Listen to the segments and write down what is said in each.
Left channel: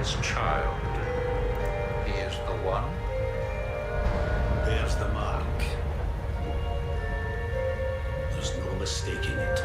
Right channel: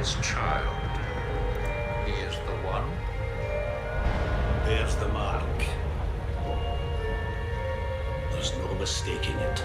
this child. He is the one. There's the mark. There's no mistaking it.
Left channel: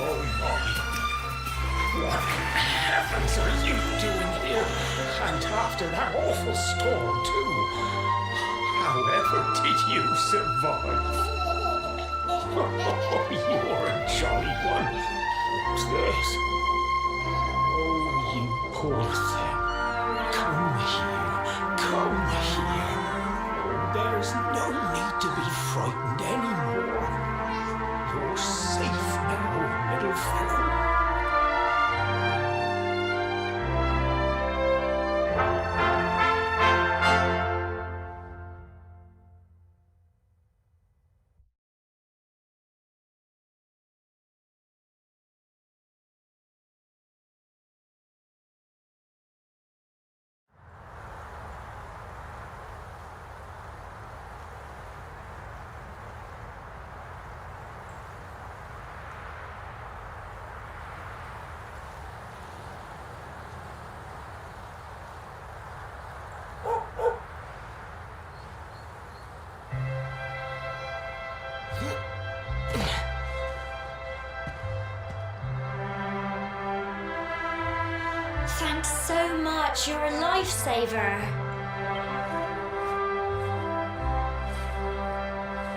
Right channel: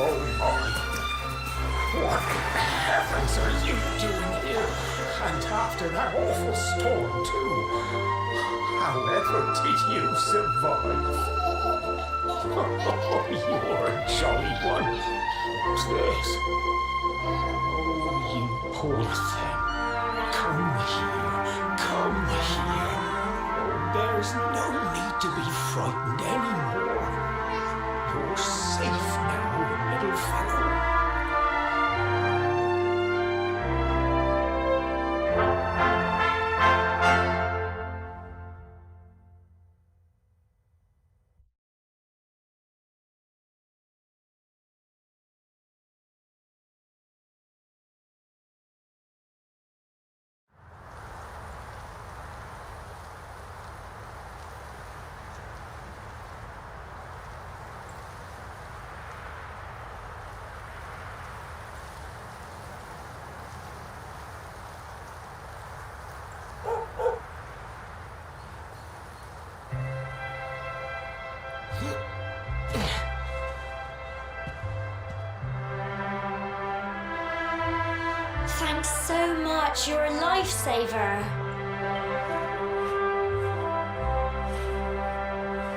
Oh my. What in the heavens are you doing here? And after that awful storm, too. However did you survive? Oh, you're a jolly one. What's this? Oh, you poor thing. Come here. Come here. Oh, there's no need to be frightened anymore. You're safe now, little fellow. Thanks so much, you're a lifesaver.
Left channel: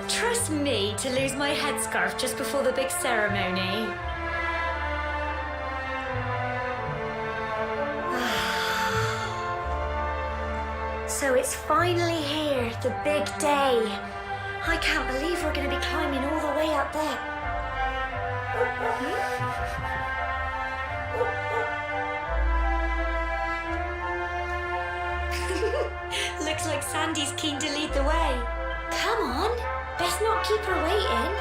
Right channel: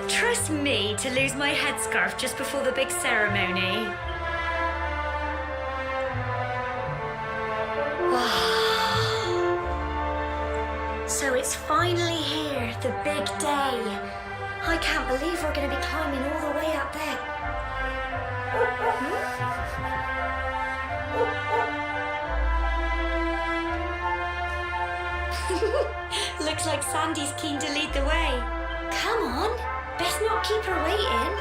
Trust me to lose my headscarf just before the big ceremony. So it's finally here, the big day. I can't believe we're going to be climbing all the way up there. Looks like Sandy's keen to lead the way. Come on, best not keep her waiting.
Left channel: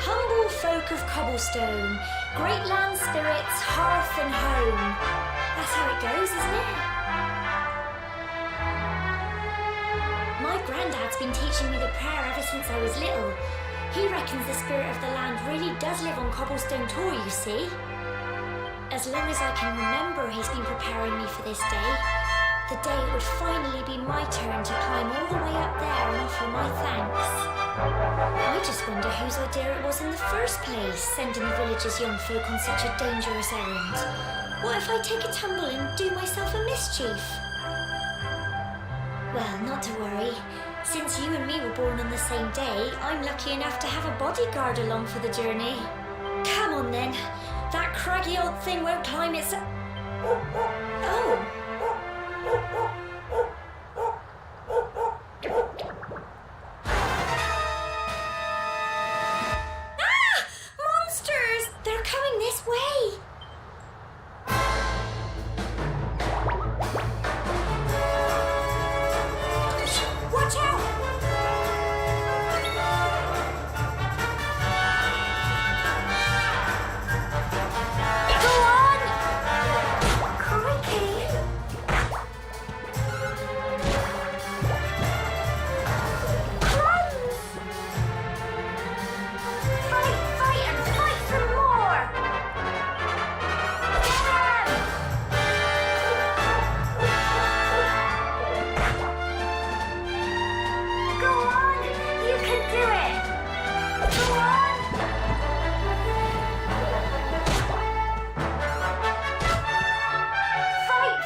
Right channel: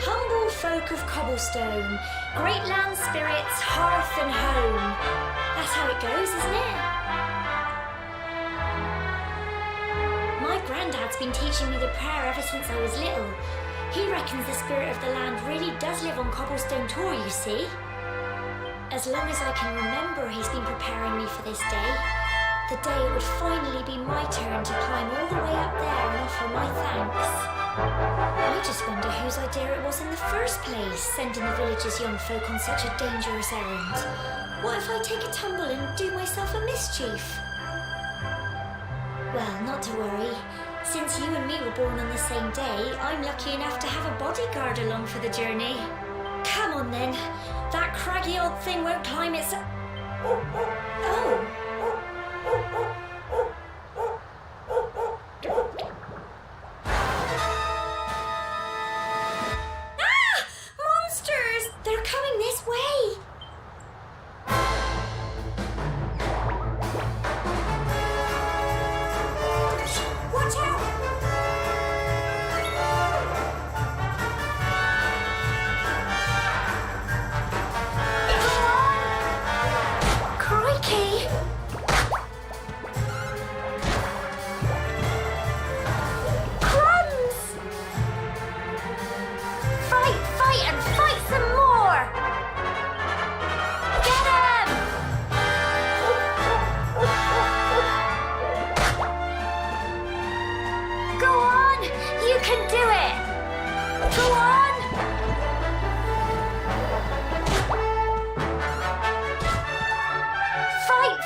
Humble folk of cobblestone, great land spirits, hearth and home. That's how it goes, isn't it? My granddad's been teaching me the prayer ever since I was little. He reckons the spirit of the land really does live on Cobblestone Tor, you see. As long as I can remember, he's been preparing me for this day. The day it would finally be my turn to climb all the way up there and offer my thanks. I just wonder whose idea it was in the first place, sending the village's young folk on such a dangerous errand. What if I take a tumble and do myself a mischief? Well, not to worry. Since you and me were born on the same day, I'm lucky enough to have a bodyguard along for the journey. Come on then. That craggy old thing won't climb its... Oh. Ah! Monsters! They're coming this way! Watch out! Go on! Crikey! Crumbs! Fight, and fight some more! Get him! Go on! You can do it! Go on!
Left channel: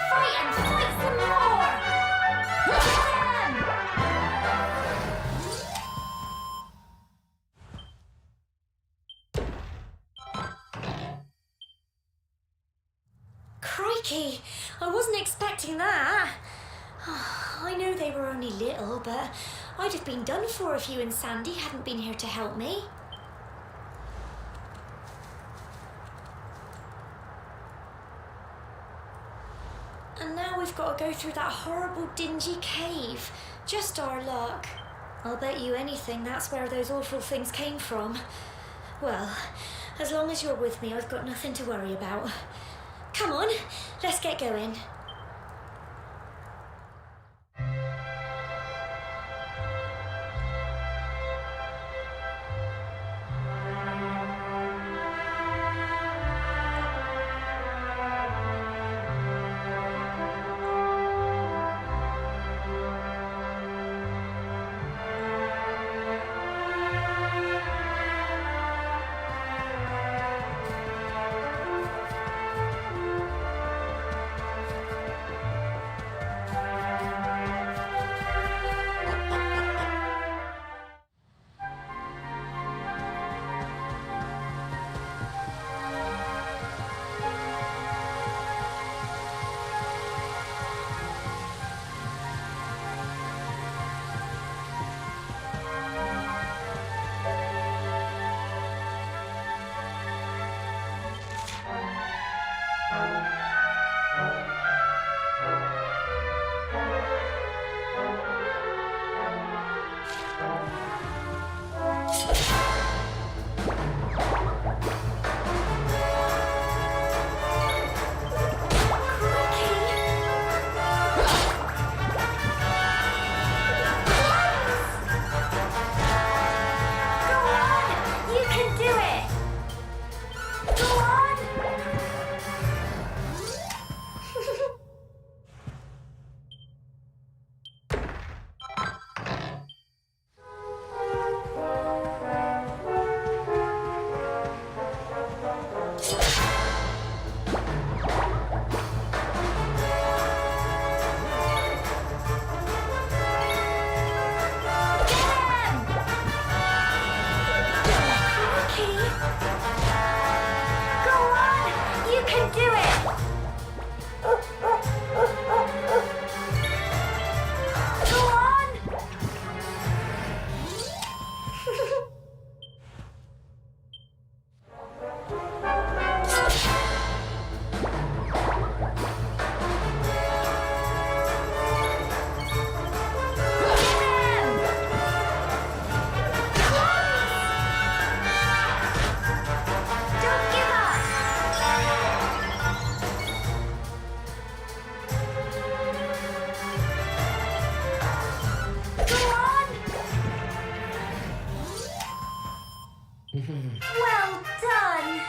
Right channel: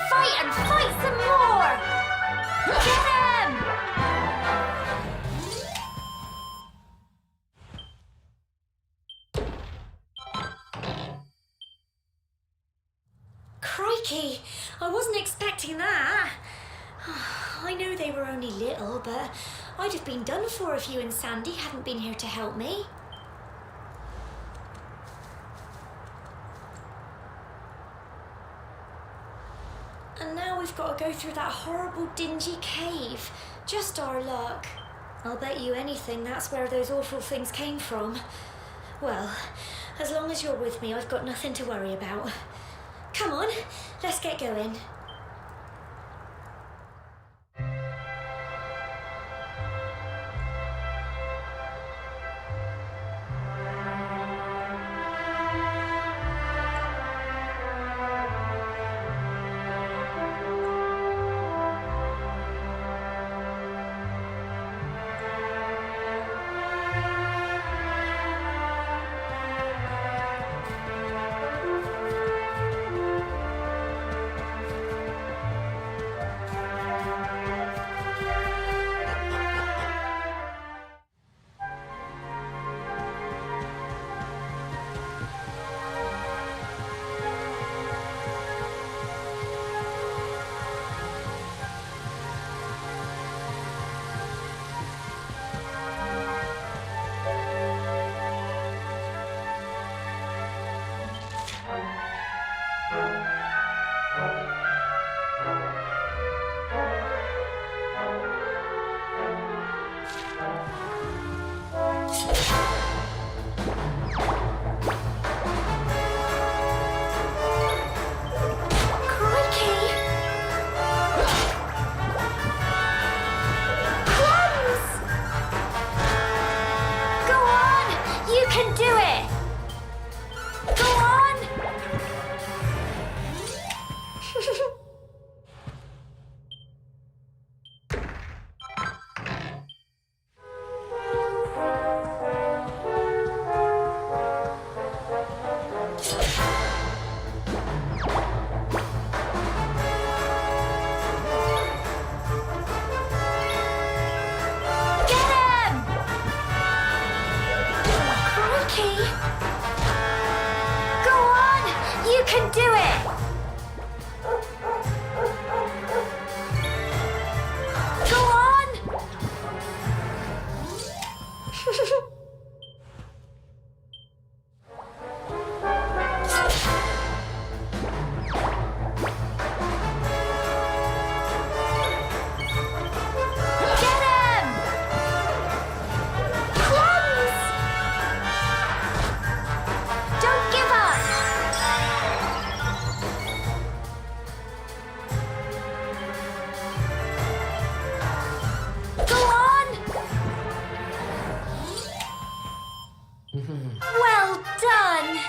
Fight, and fight some more! Get him! Crikey! I wasn't expecting that. I know they were only little, but I'd have been done for if you and Sandy hadn't been here to help me. And now we've got to go through that horrible, dingy cave. Just our luck. I'll bet you anything that's where those awful things came from. Well, as long as you're with me, I've got nothing to worry about. Come on, let's get going. Well done!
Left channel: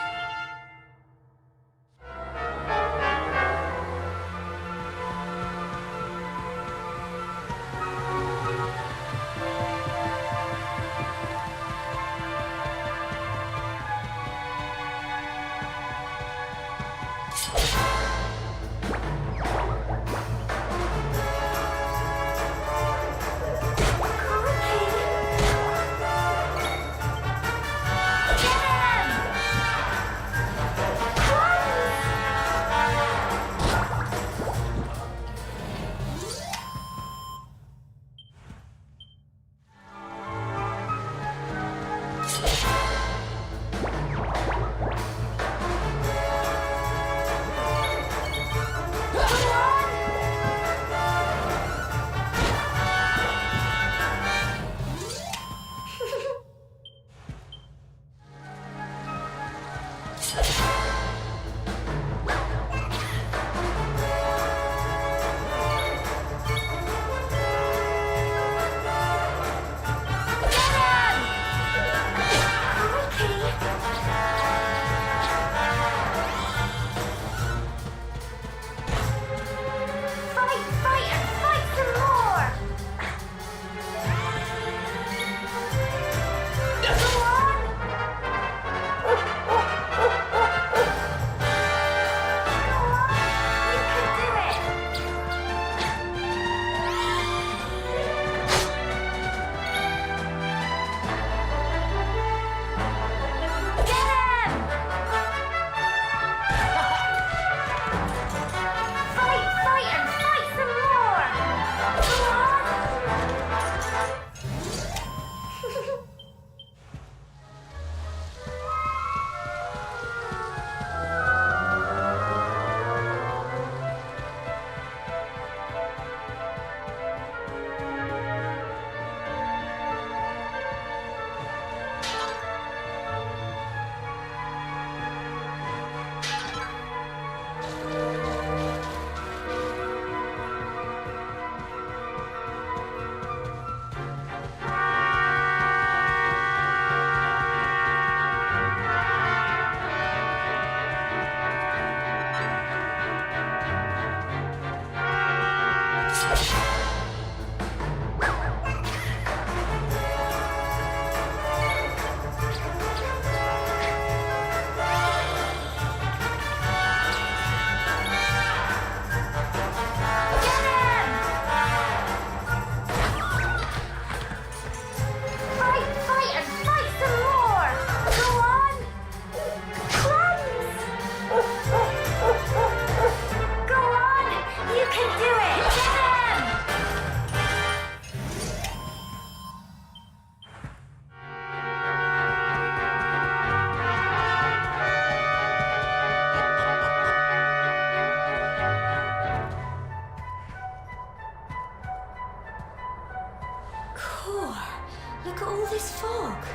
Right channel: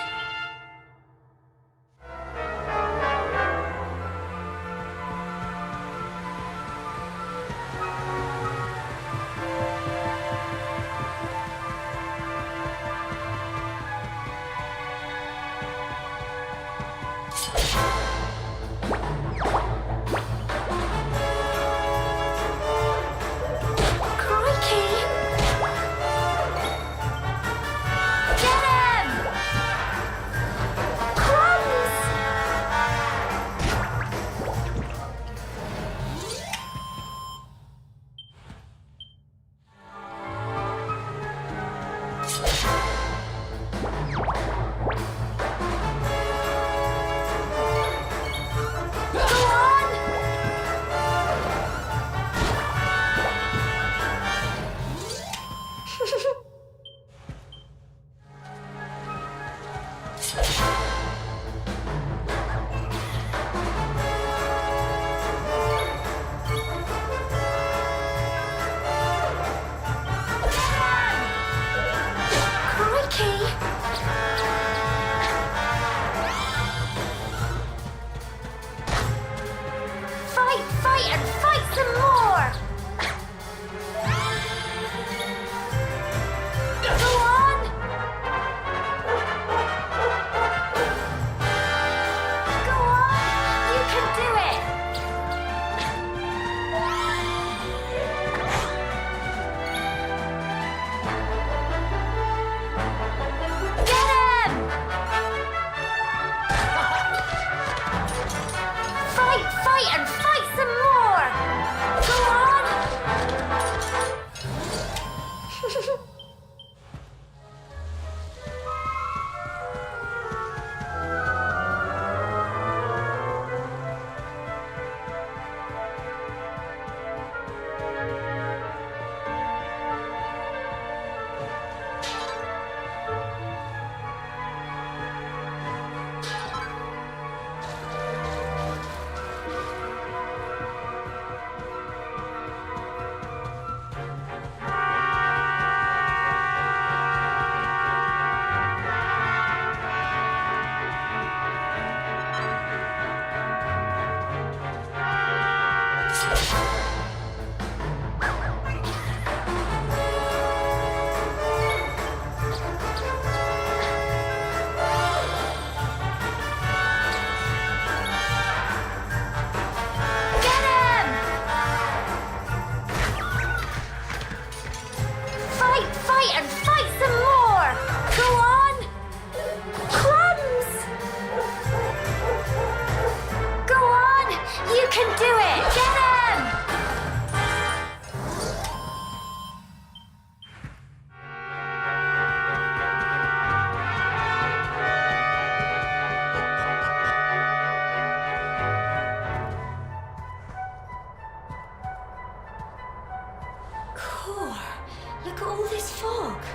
Look at all this fog.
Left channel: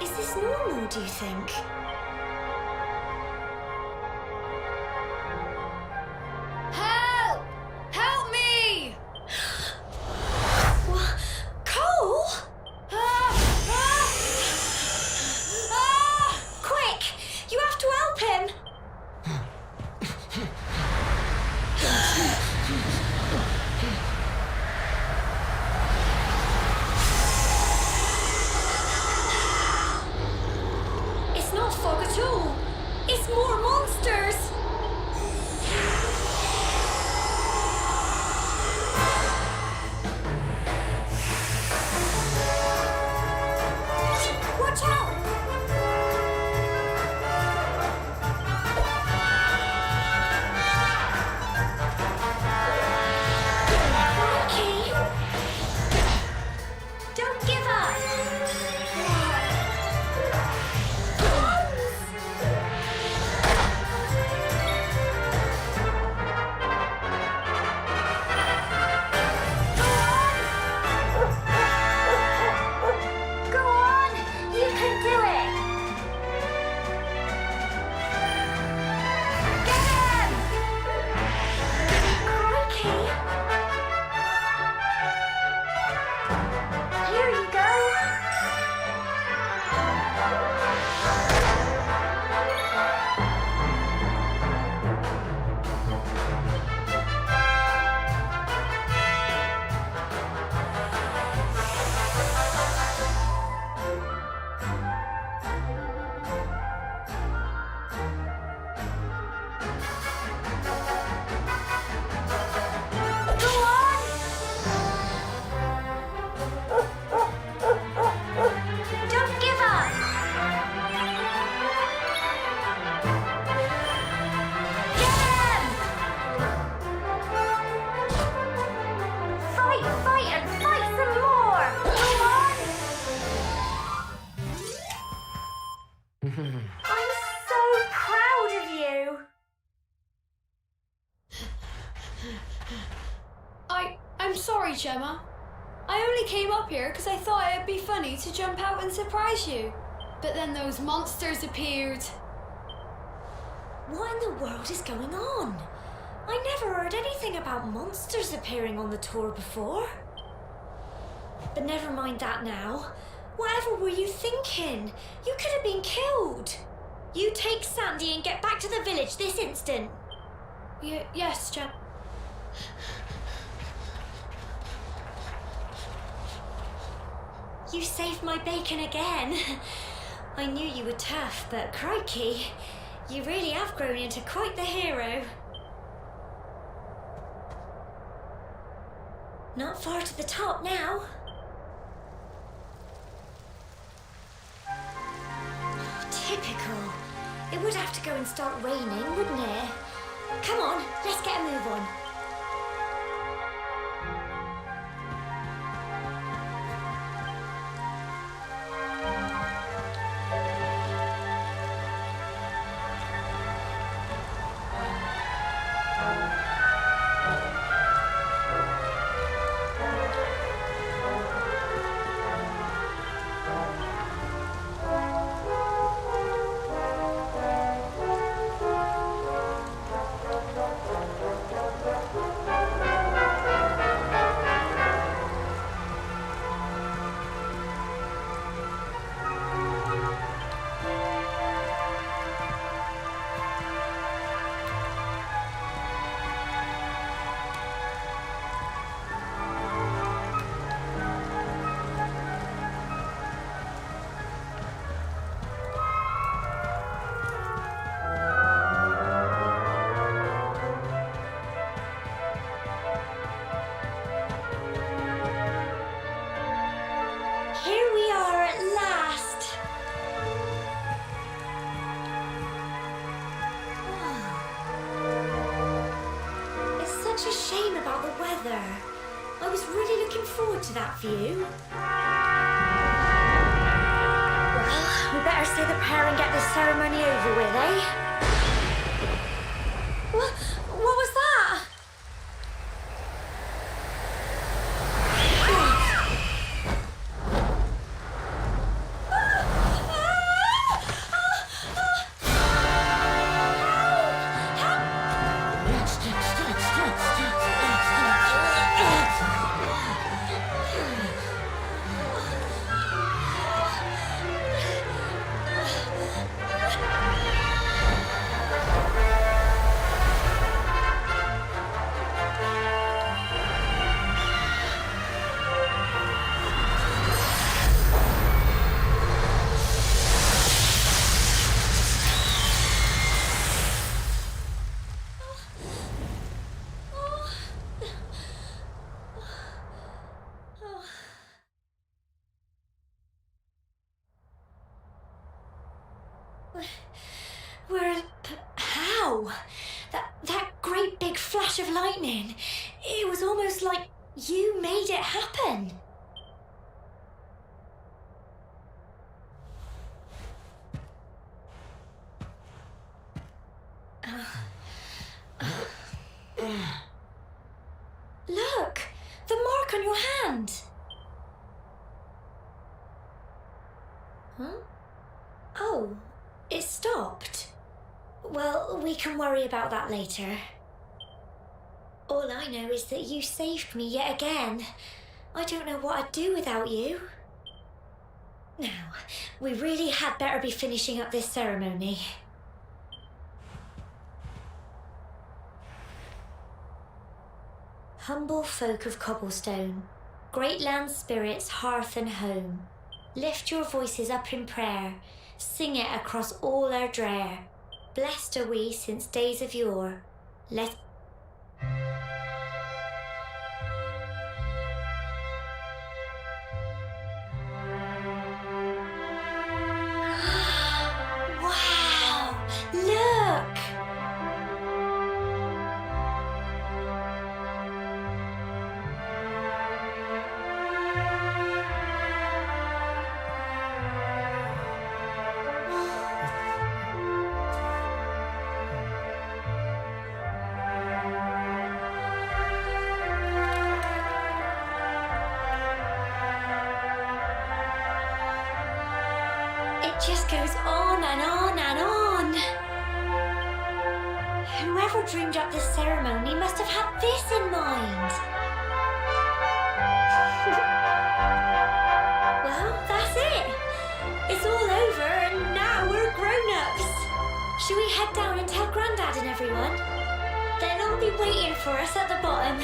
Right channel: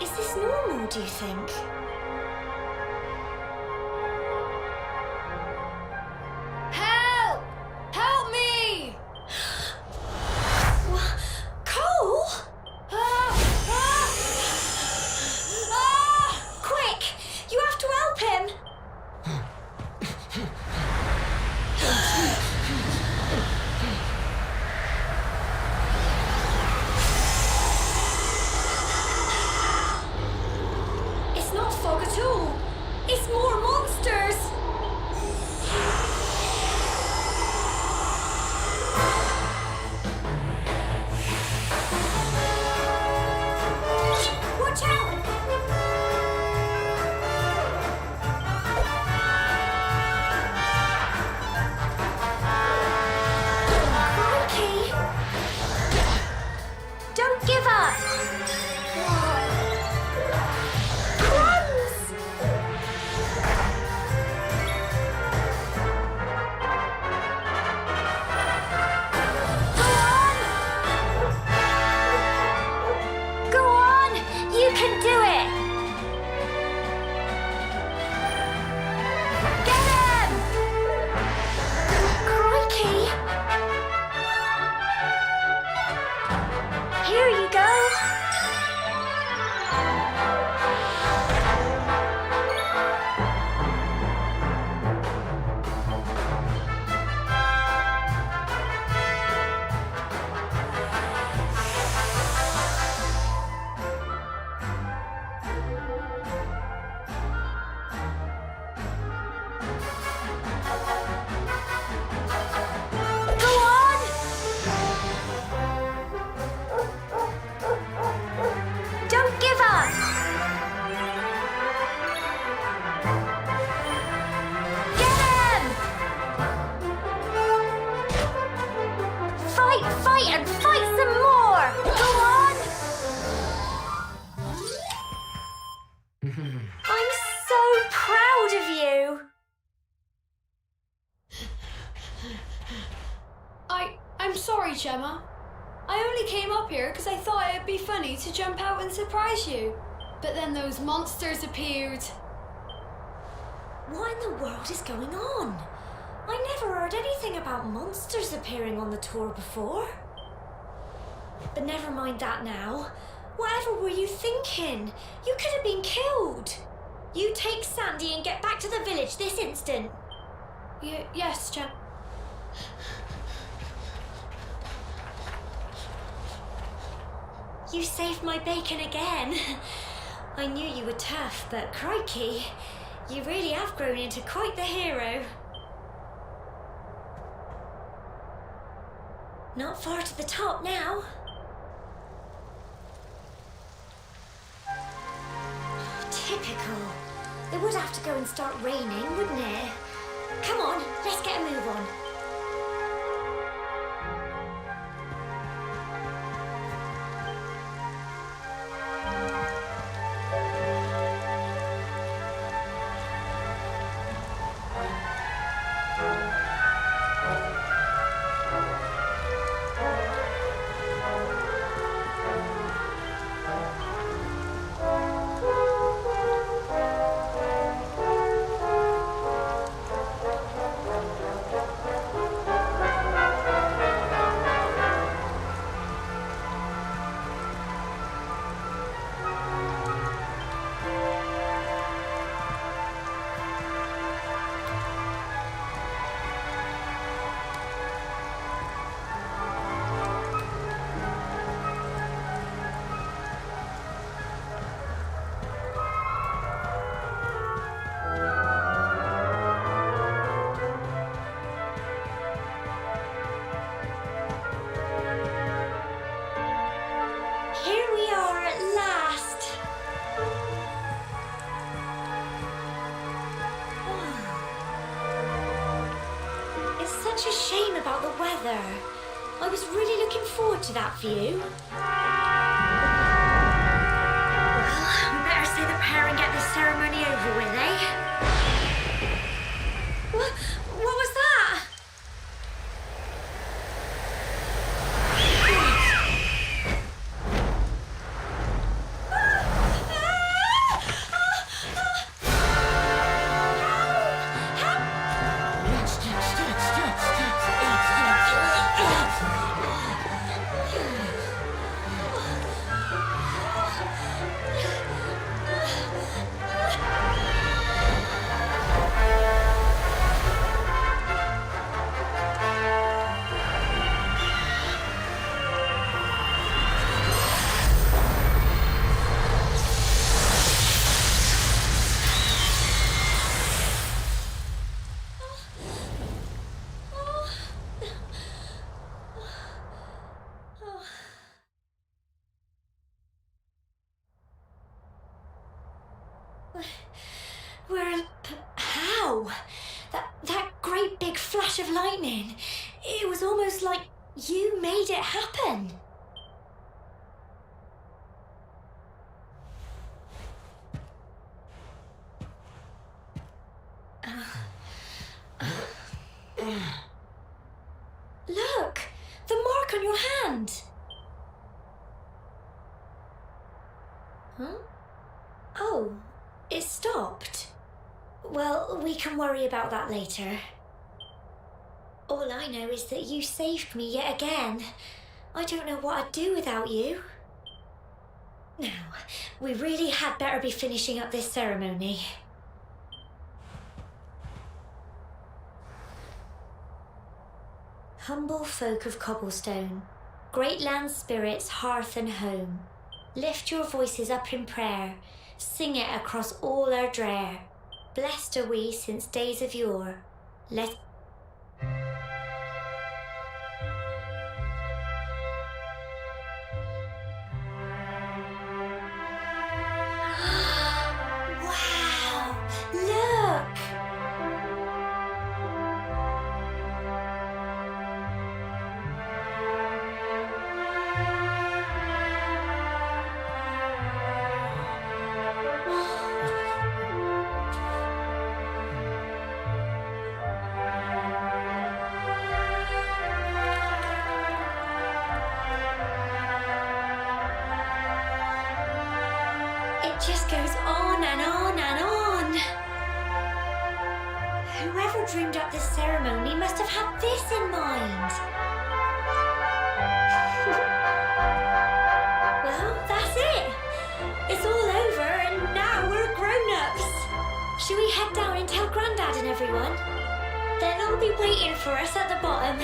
Is this normal, do you think? Help! Help me! What? Cole? Quick! You have to help him! It's not fog at all. It's more monsters. Watch out! Crikey! Don't give up! Go on! You can do it! Get him! Crikey! Here you go! sorry, Gemma. I only came up here because I thought it'd be funny to jump out and surprise you. But then those monsters appeared. What in the world is going on? I never heard anything about monsters appearing on the tour before. But never mind that now. Whatever were you thinking? You could have been killed. You take Sandy and get back to the village this instant. Yes, Gemma. You saved my bacon again. I knew you were tough, but crikey, you really have grown into quite the hero. Not far to the top now. Typical. It would have to go and start raining, wouldn't it? Come on, let's get a move on. Here we are at last. It's such a shame about the weather. I was really looking forward to that view. Well, we better say the prayer and get this ceremony over with, eh? What was that? How? That great big flash of lightning. It was almost like you made it happen. Look, the mark on your hand. Huh? Oh, it stopped. Well, we can worry about that later. All I know is that you saved me yet again. I don't know what I'd do without you. Now, we really had better be finishing up this ceremony. Humble folk of cobblestone, great land spirits, hearth and home, lift your voices up in prayer, sing it across all our drear. Blessed are we since days of yore. Let Wow! Look! It just goes on and on and on. Whoever dreamed up this ceremony must have had this in mind. Well, that's it. It's all over and now we're grown-ups. Shall we head down and tell Grandad and everyone? They'll all be waiting for us at the bottom.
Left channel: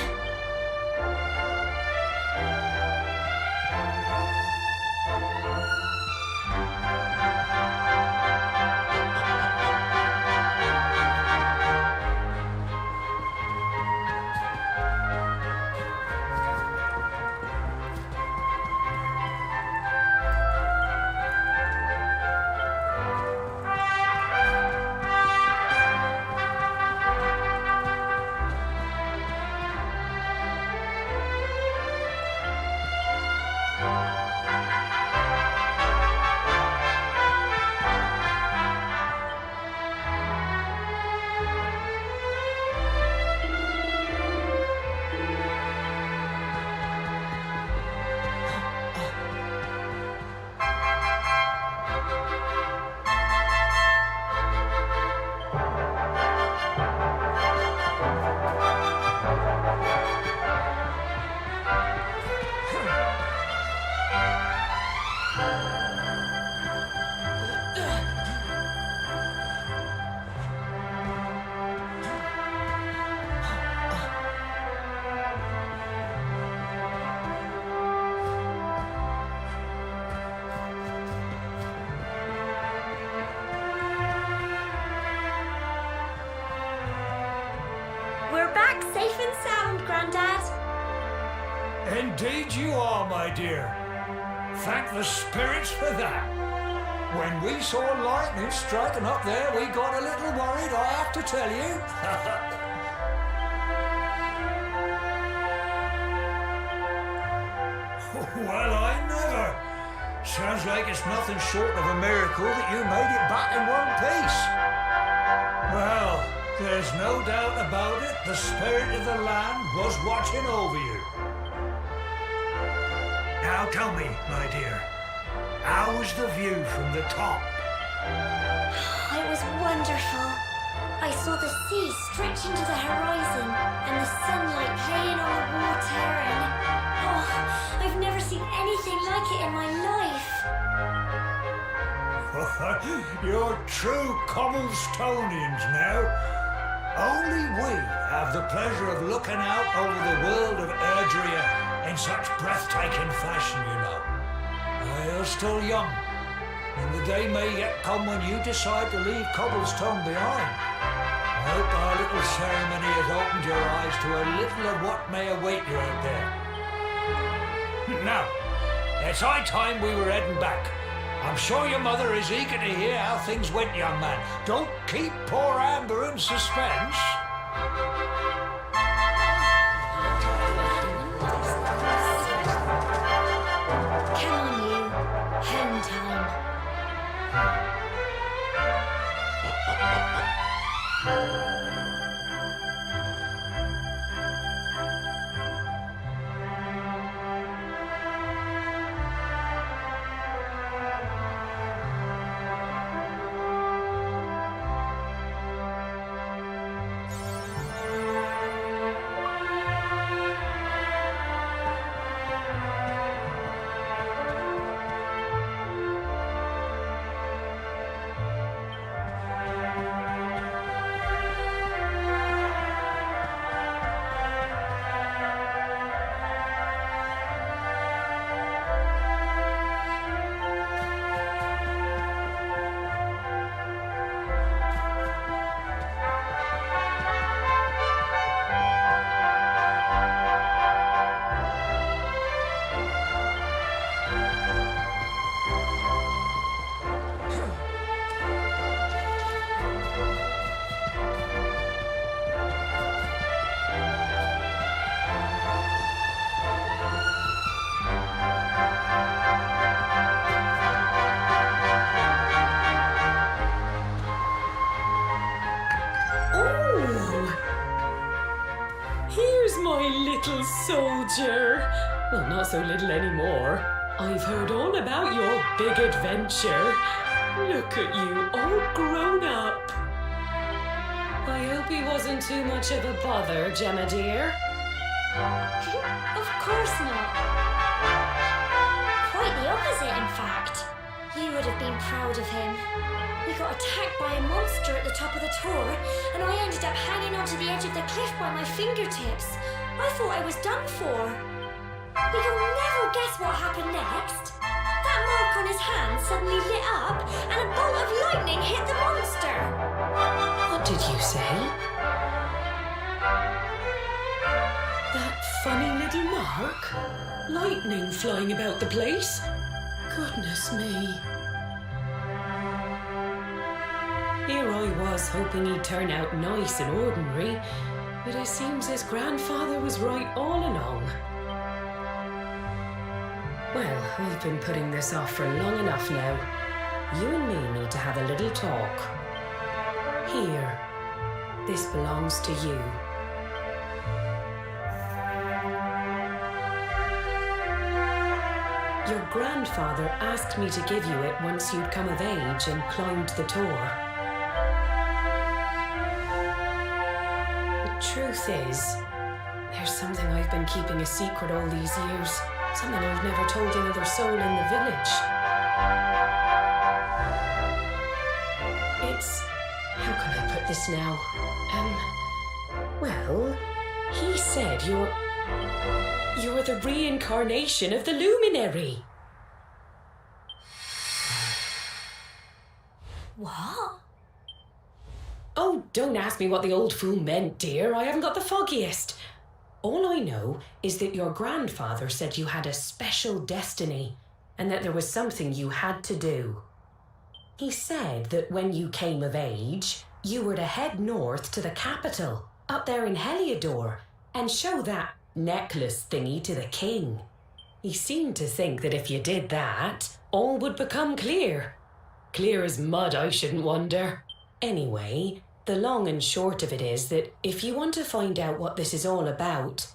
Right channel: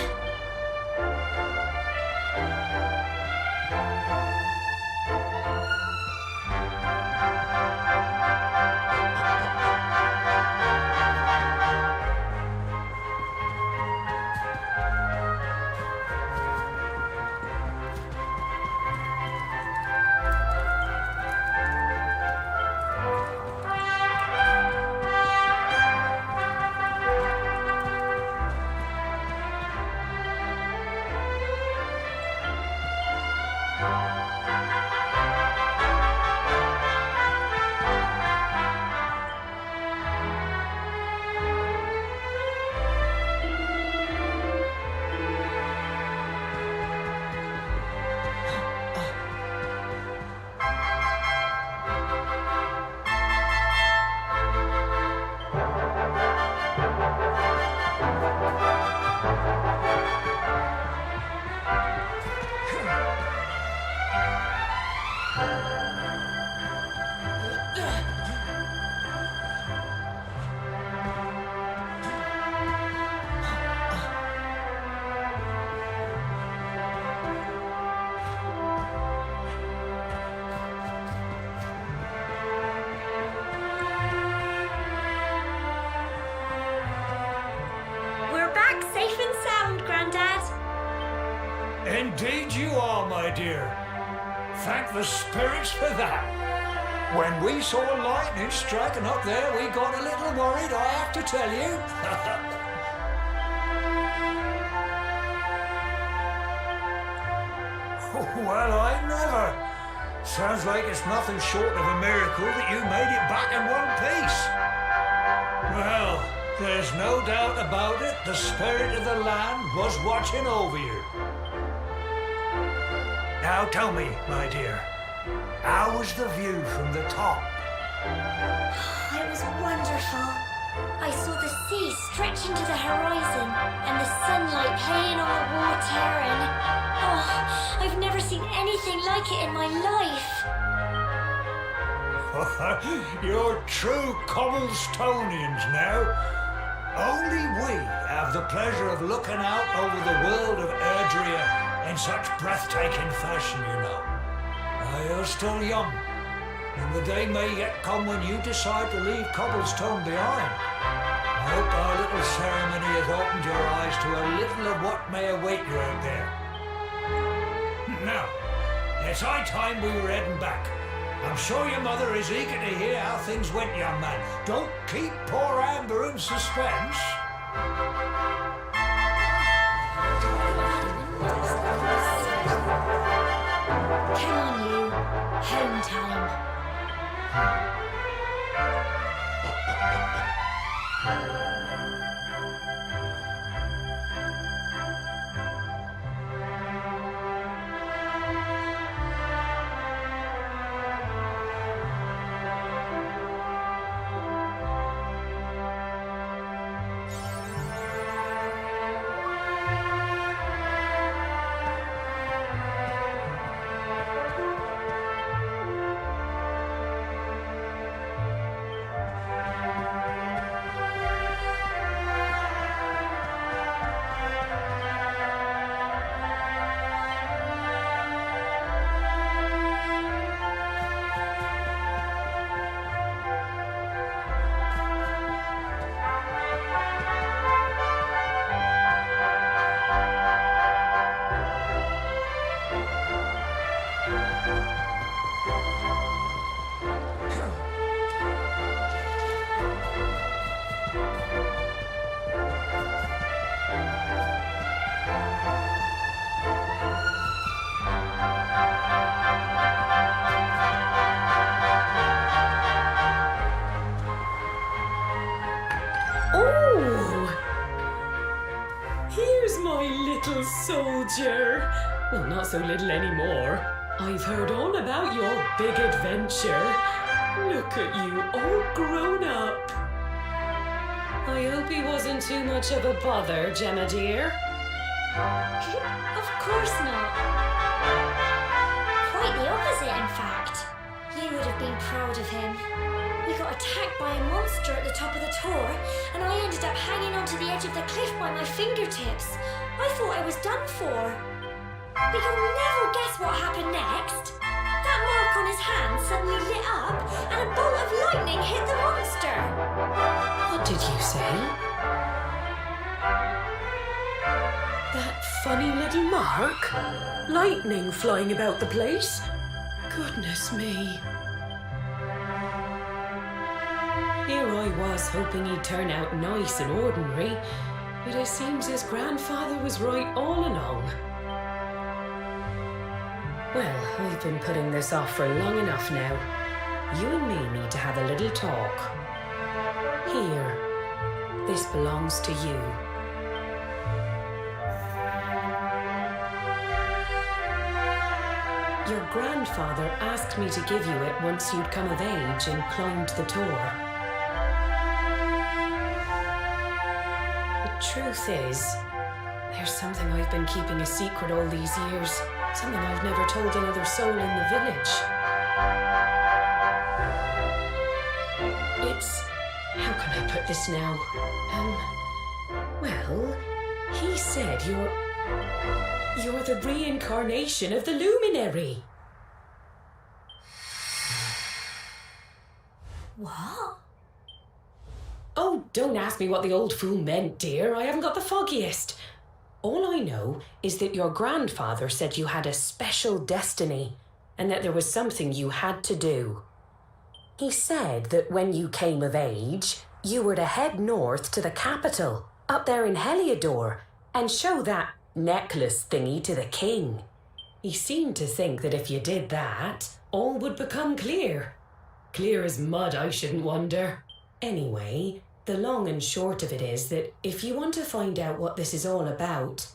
We're back safe and sound, Grandad. Indeed you are, my dear. Thank the spirits for that. When we saw lightning striking up there, we got a little worried, I have to tell you. Well, I never. Sounds like it's nothing short of a miracle that you made it back in one piece. Well, there's no doubt about it, the spirit of the land was watching over you. Now tell me, my dear, how was the view from the top? It was wonderful. I saw the sea stretch into the horizon and the sunlight playing on the water and... Oh, I've never seen anything like it in my life. You're true Cobblestonians now. Only we have the pleasure of looking out over the world of Erdrea in such breathtaking fashion, you know. You're still young, and the day may yet come when you decide to leave Cobblestone behind. I hope our little ceremony has opened your eyes to a little of what may await you out there. Now, it's high time we were heading back. I'm sure your mother is eager to hear how things went, young man. Don't keep poor Amber in suspense. Come on, you. Home time. Here's my little soldier. Well, not so little anymore. I've heard all about your big adventure. Look at you, all grown up. I hope he wasn't too much of a bother, Gemma dear. Of course not. Quite the opposite, in fact. You would have been proud of him. We got attacked by a monster at the top of the tower, and I ended up hanging onto the edge of the cliff by my fingertips. I thought I was done for. But you'll never guess what happened next. That mark on his hand suddenly lit up, and a bolt of lightning hit the monster. What did you say? That funny little mark? Lightning flying about the place? Goodness me. Here I was hoping he'd turn out nice and ordinary, but it seems his grandfather was right all along. Well, I've been putting this off for long enough now. You and me need to have a little talk. Here, this belongs to you. Your grandfather asked me to give you it once you'd come of age and climbed the tower. The truth is, there's something I've been keeping a secret all these years. Something I've never told another soul in the village. It's... how can I put this now? Well, he said you're the reincarnation of the luminary. What? Oh, don't ask me what the old fool meant, dear. I haven't got the foggiest. All I know is that your grandfather said you had a special destiny and that there was something you had to do. He said that when you came of age, you were to head north to the capital, up there in Heliodor, and show that necklace thingy to the king. He seemed to think that if you did that, all would become clear. Clear as mud, I shouldn't wonder. Anyway, the long and short of it is that if you want to find out what this is all about,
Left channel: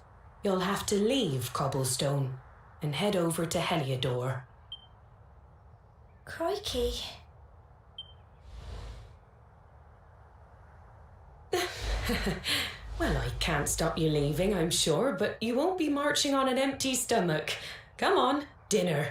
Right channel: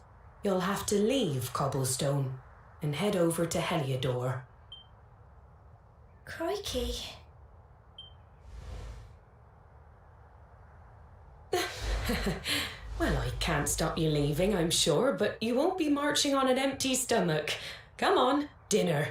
you'll have to leave Cobblestone and head over to Heliodor. Crikey. Well, I can't stop you leaving, I'm sure, but you won't be marching on an empty stomach. Come on, dinner.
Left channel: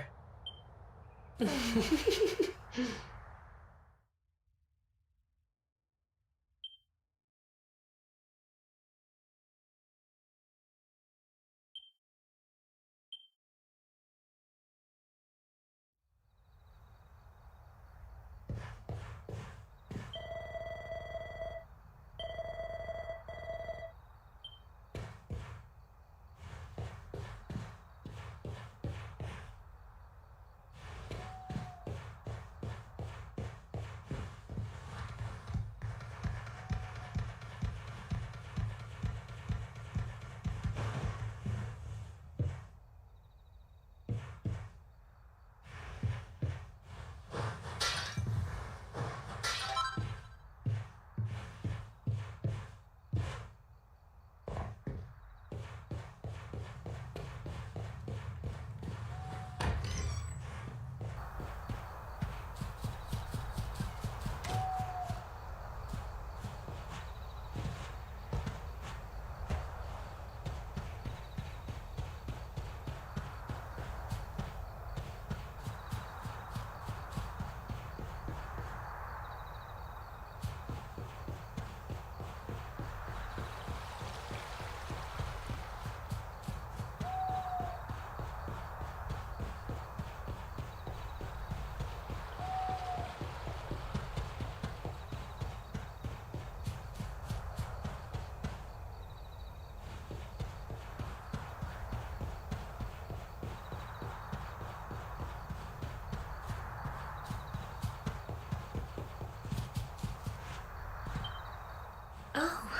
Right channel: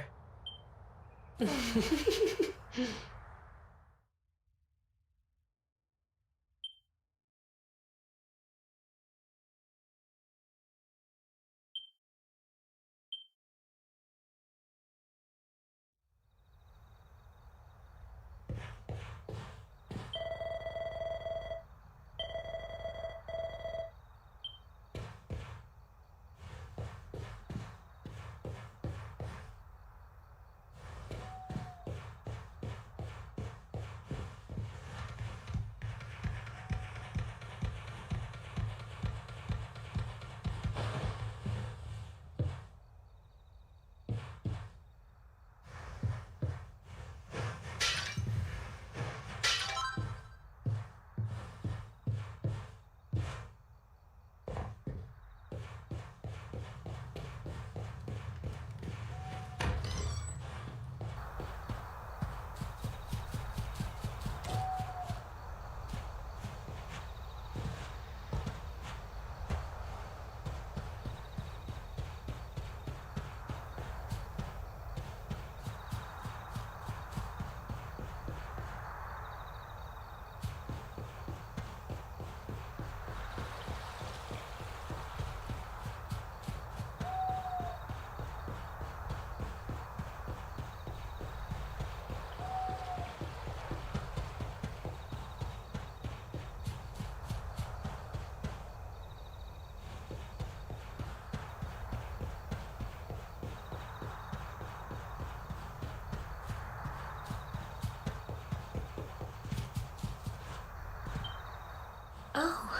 Oh,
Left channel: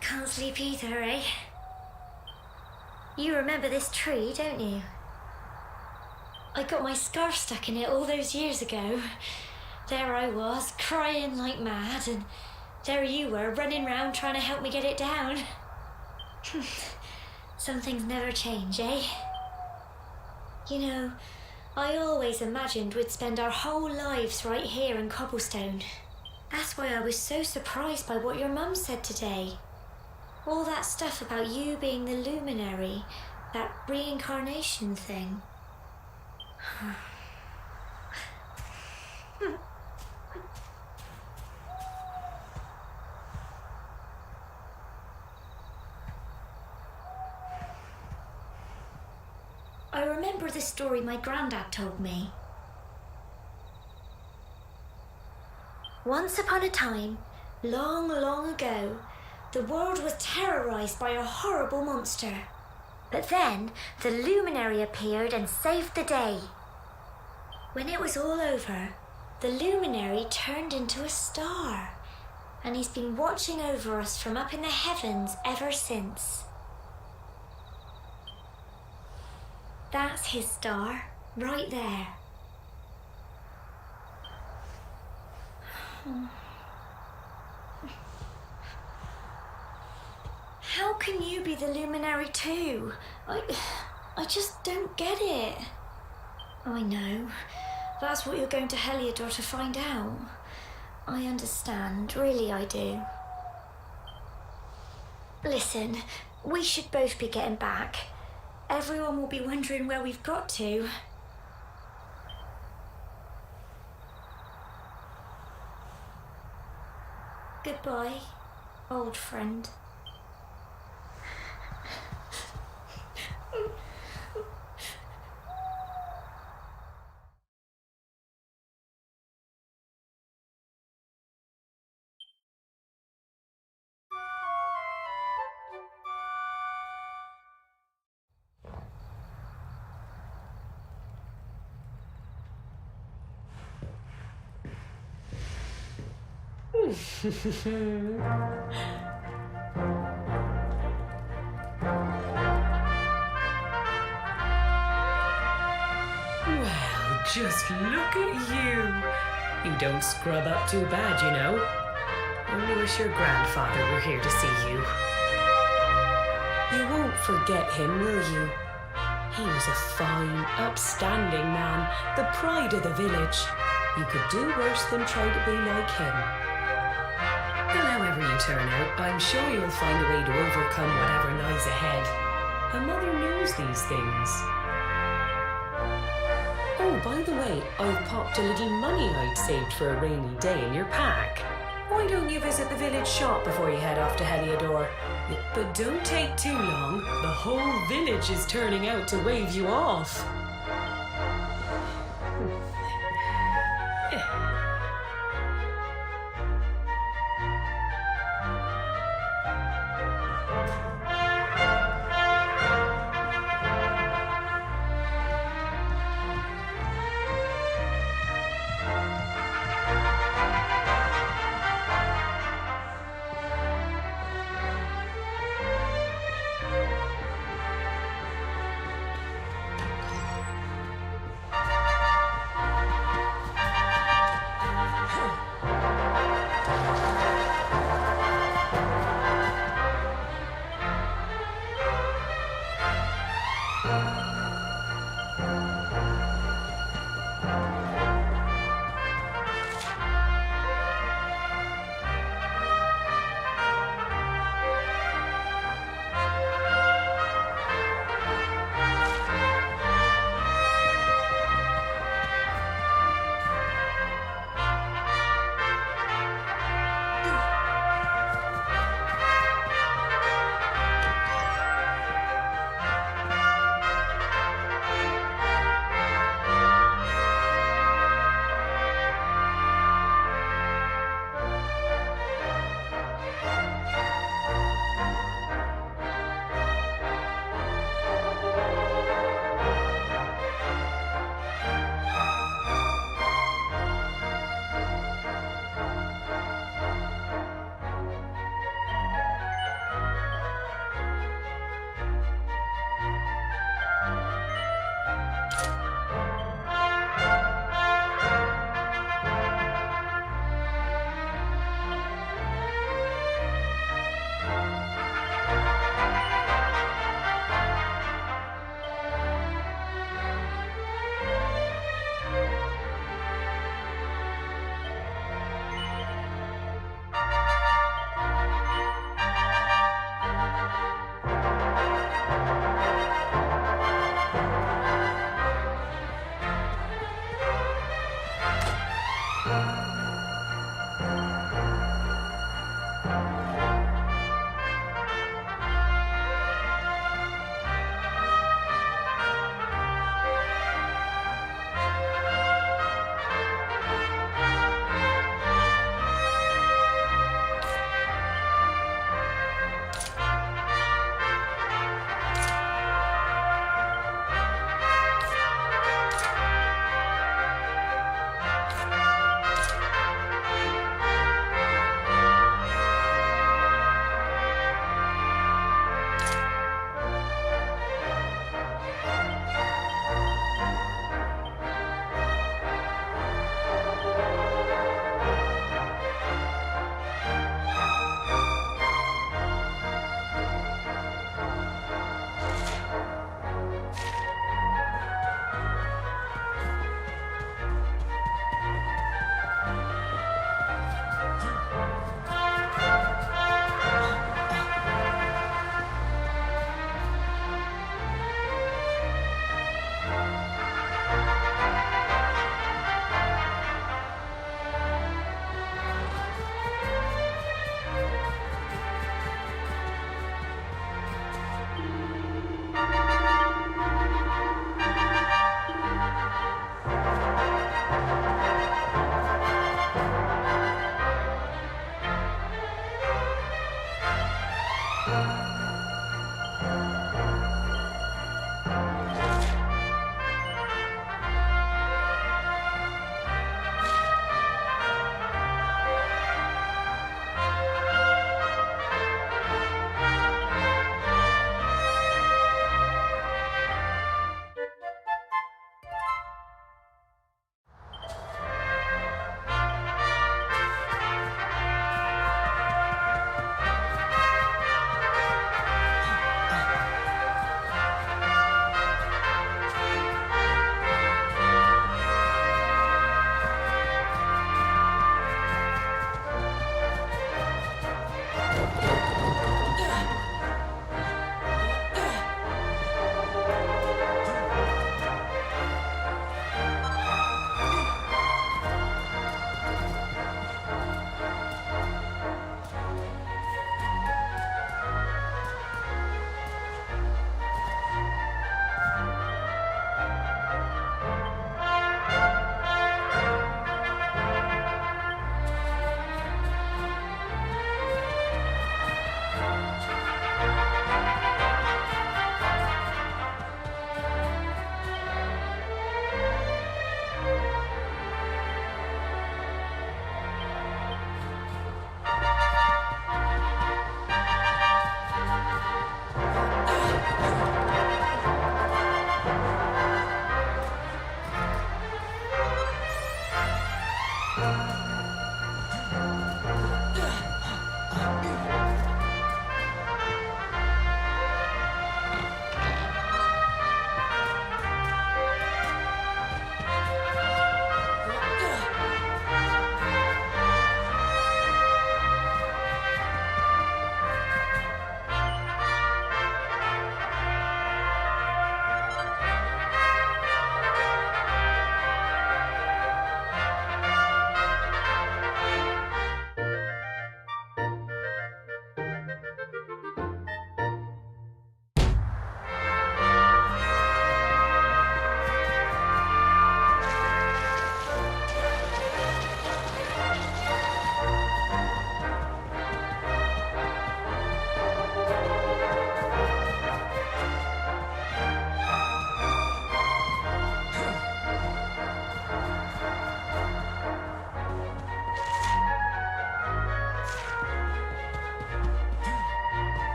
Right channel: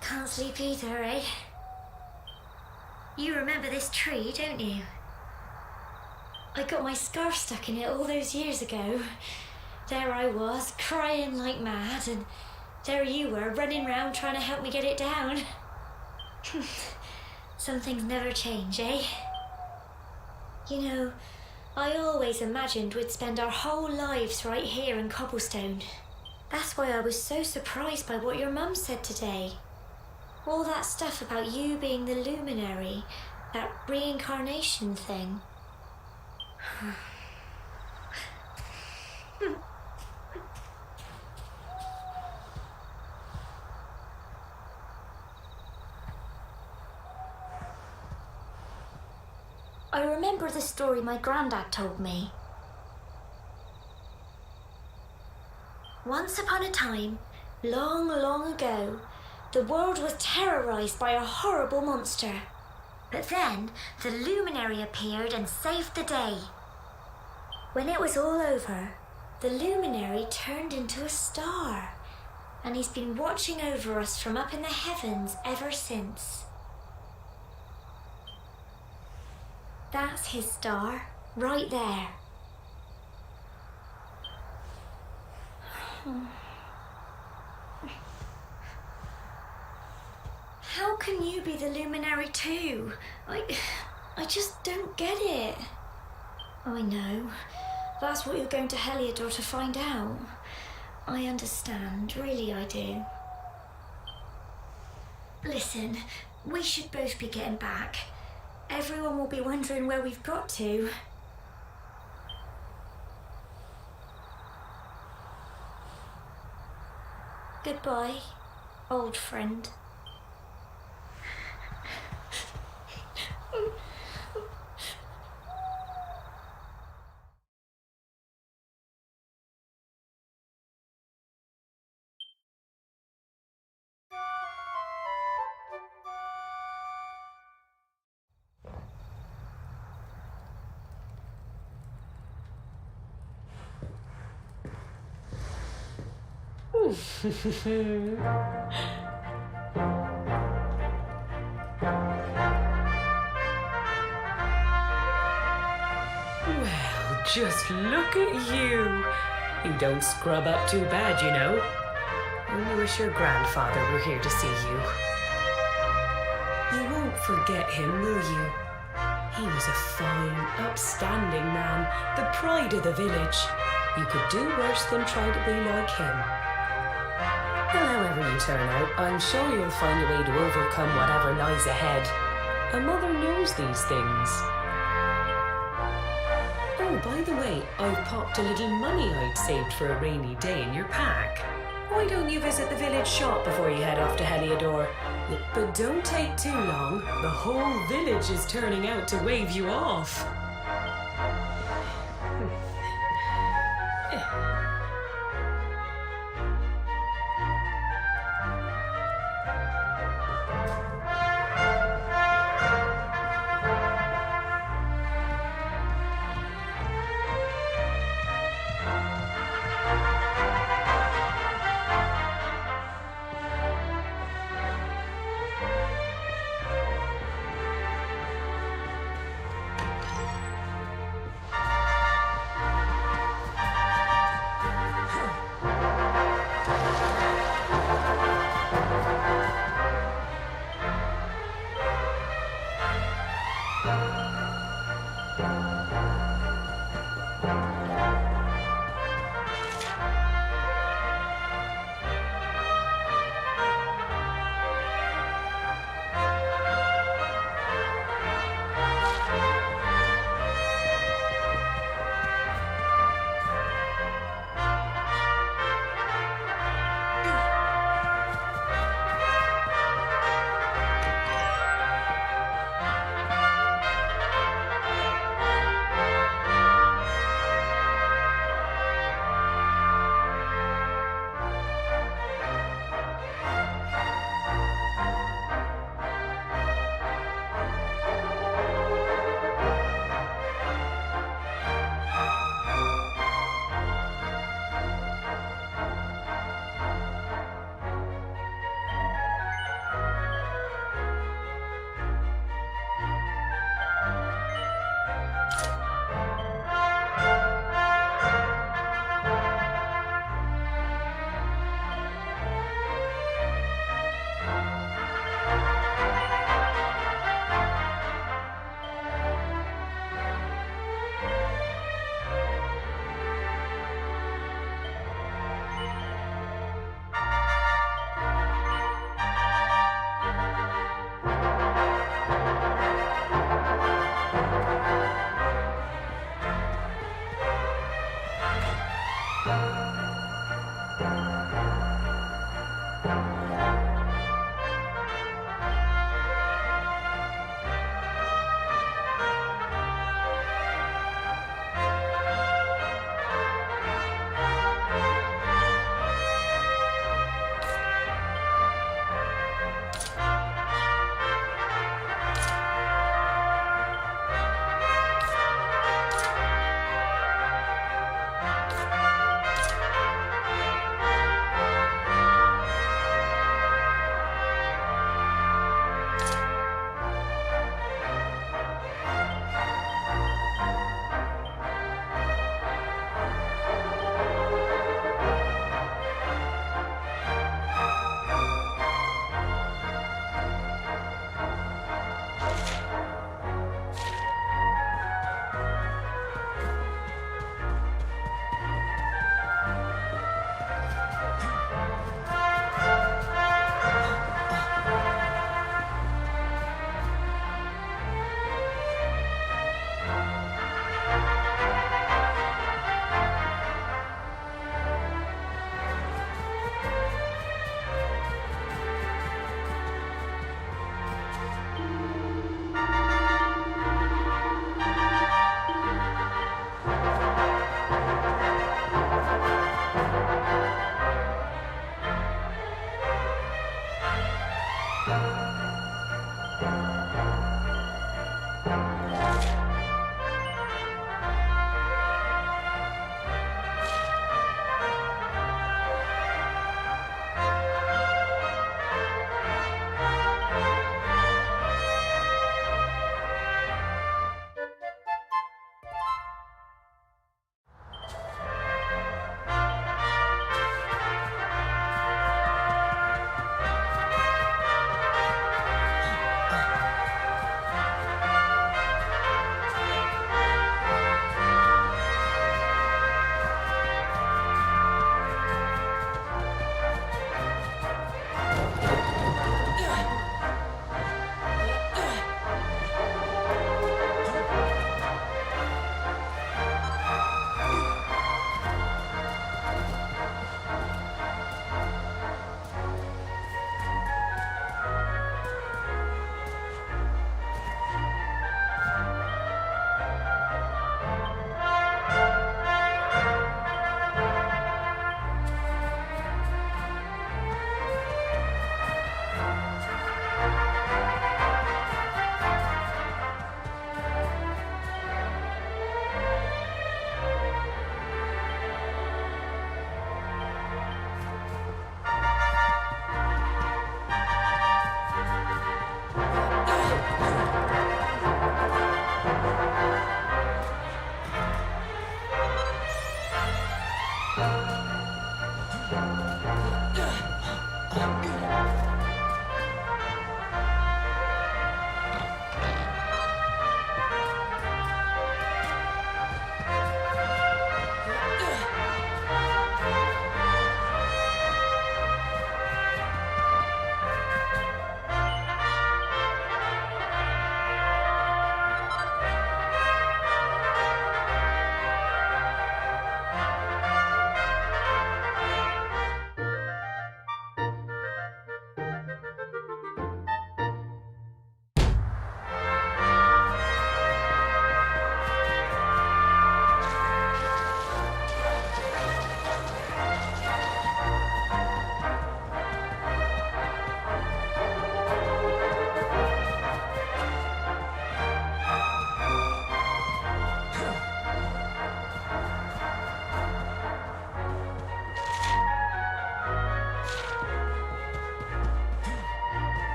can't sleep either, eh? You remember this tree, don't you? I got my scarf stuck in it all those years ago. There I was, crying like mad, and there you were, running round trying to help me get it down. Some things never change, eh? You know, I always imagined we'd spend our whole lives right here in Cobblestone. That's why I was so surprised by what your mum said today. All that stuff about you being the luminary, that reincarnation thing. I remember the story my granddad told me. Once upon a time, long, long ago, the world was terrorized by a horrible monster. But then, the luminary appeared and saved the day. When it was all over, the luminary turned into a star, and he's been watching over us from up in the heavens ever since. That's his star, right there. How can you be the luminary too? I just don't get it. I know. That's what you're going to Heliodor to find out. I understand, really I do. Listen, we should both be getting back. Everyone will be wondering where we've got to. Goodbye, old friend. Well, just look at you. You don't scrub up too bad, you know. Only wish your grandfather were here to see you. You won't forget him, will you? He was a fine, upstanding man, the pride of the village. You could do worse than try to be like him. Well, however you turn out, I'm sure you'll find a way to overcome whatever lies ahead. A mother knows these things. Oh, by the way, I've popped a little money I'd saved for a rainy day in your pack. Why don't you visit the village shop before you head off to Heliodor? But don't take too long. The whole village is turning out to wave you off.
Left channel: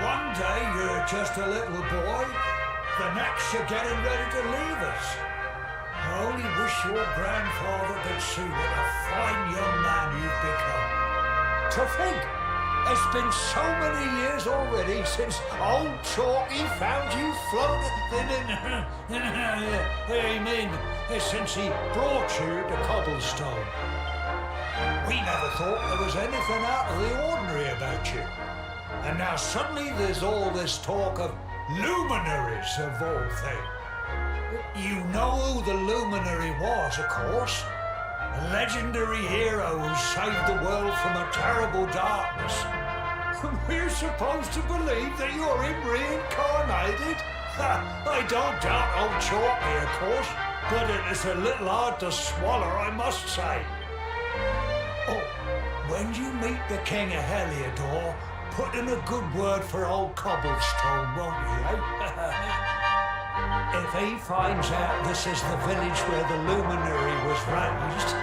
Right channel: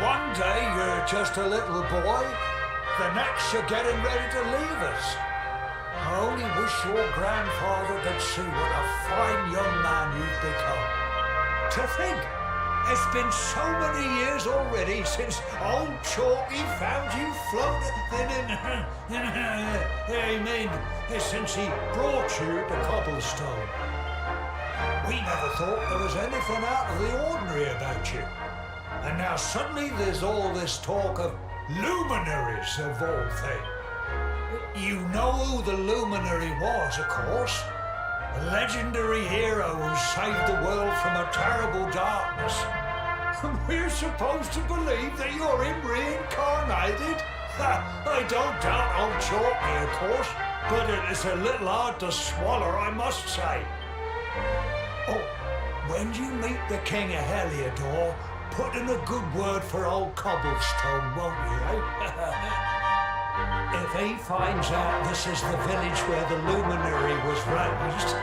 One day you're just a little boy, the next you're getting ready to leave us. I only wish your grandfather could see what a fine young man you've become. To think, it's been so many years already since old Chalky found you floating I mean, since he brought you to Cobblestone. We never thought there was anything out of the ordinary about you. And now suddenly there's all this talk of luminaries of all things. You know who the luminary was, of course. A legendary hero who saved the world from a terrible darkness. And we're supposed to believe that you're him reincarnated? I don't doubt old Chalky, of course, but it's a little hard to swallow, I must say. Oh, when you meet the King of Heliodor, put in a good word for old Cobblestone, won't you, eh? If he finds out this is the village where the luminary was raised,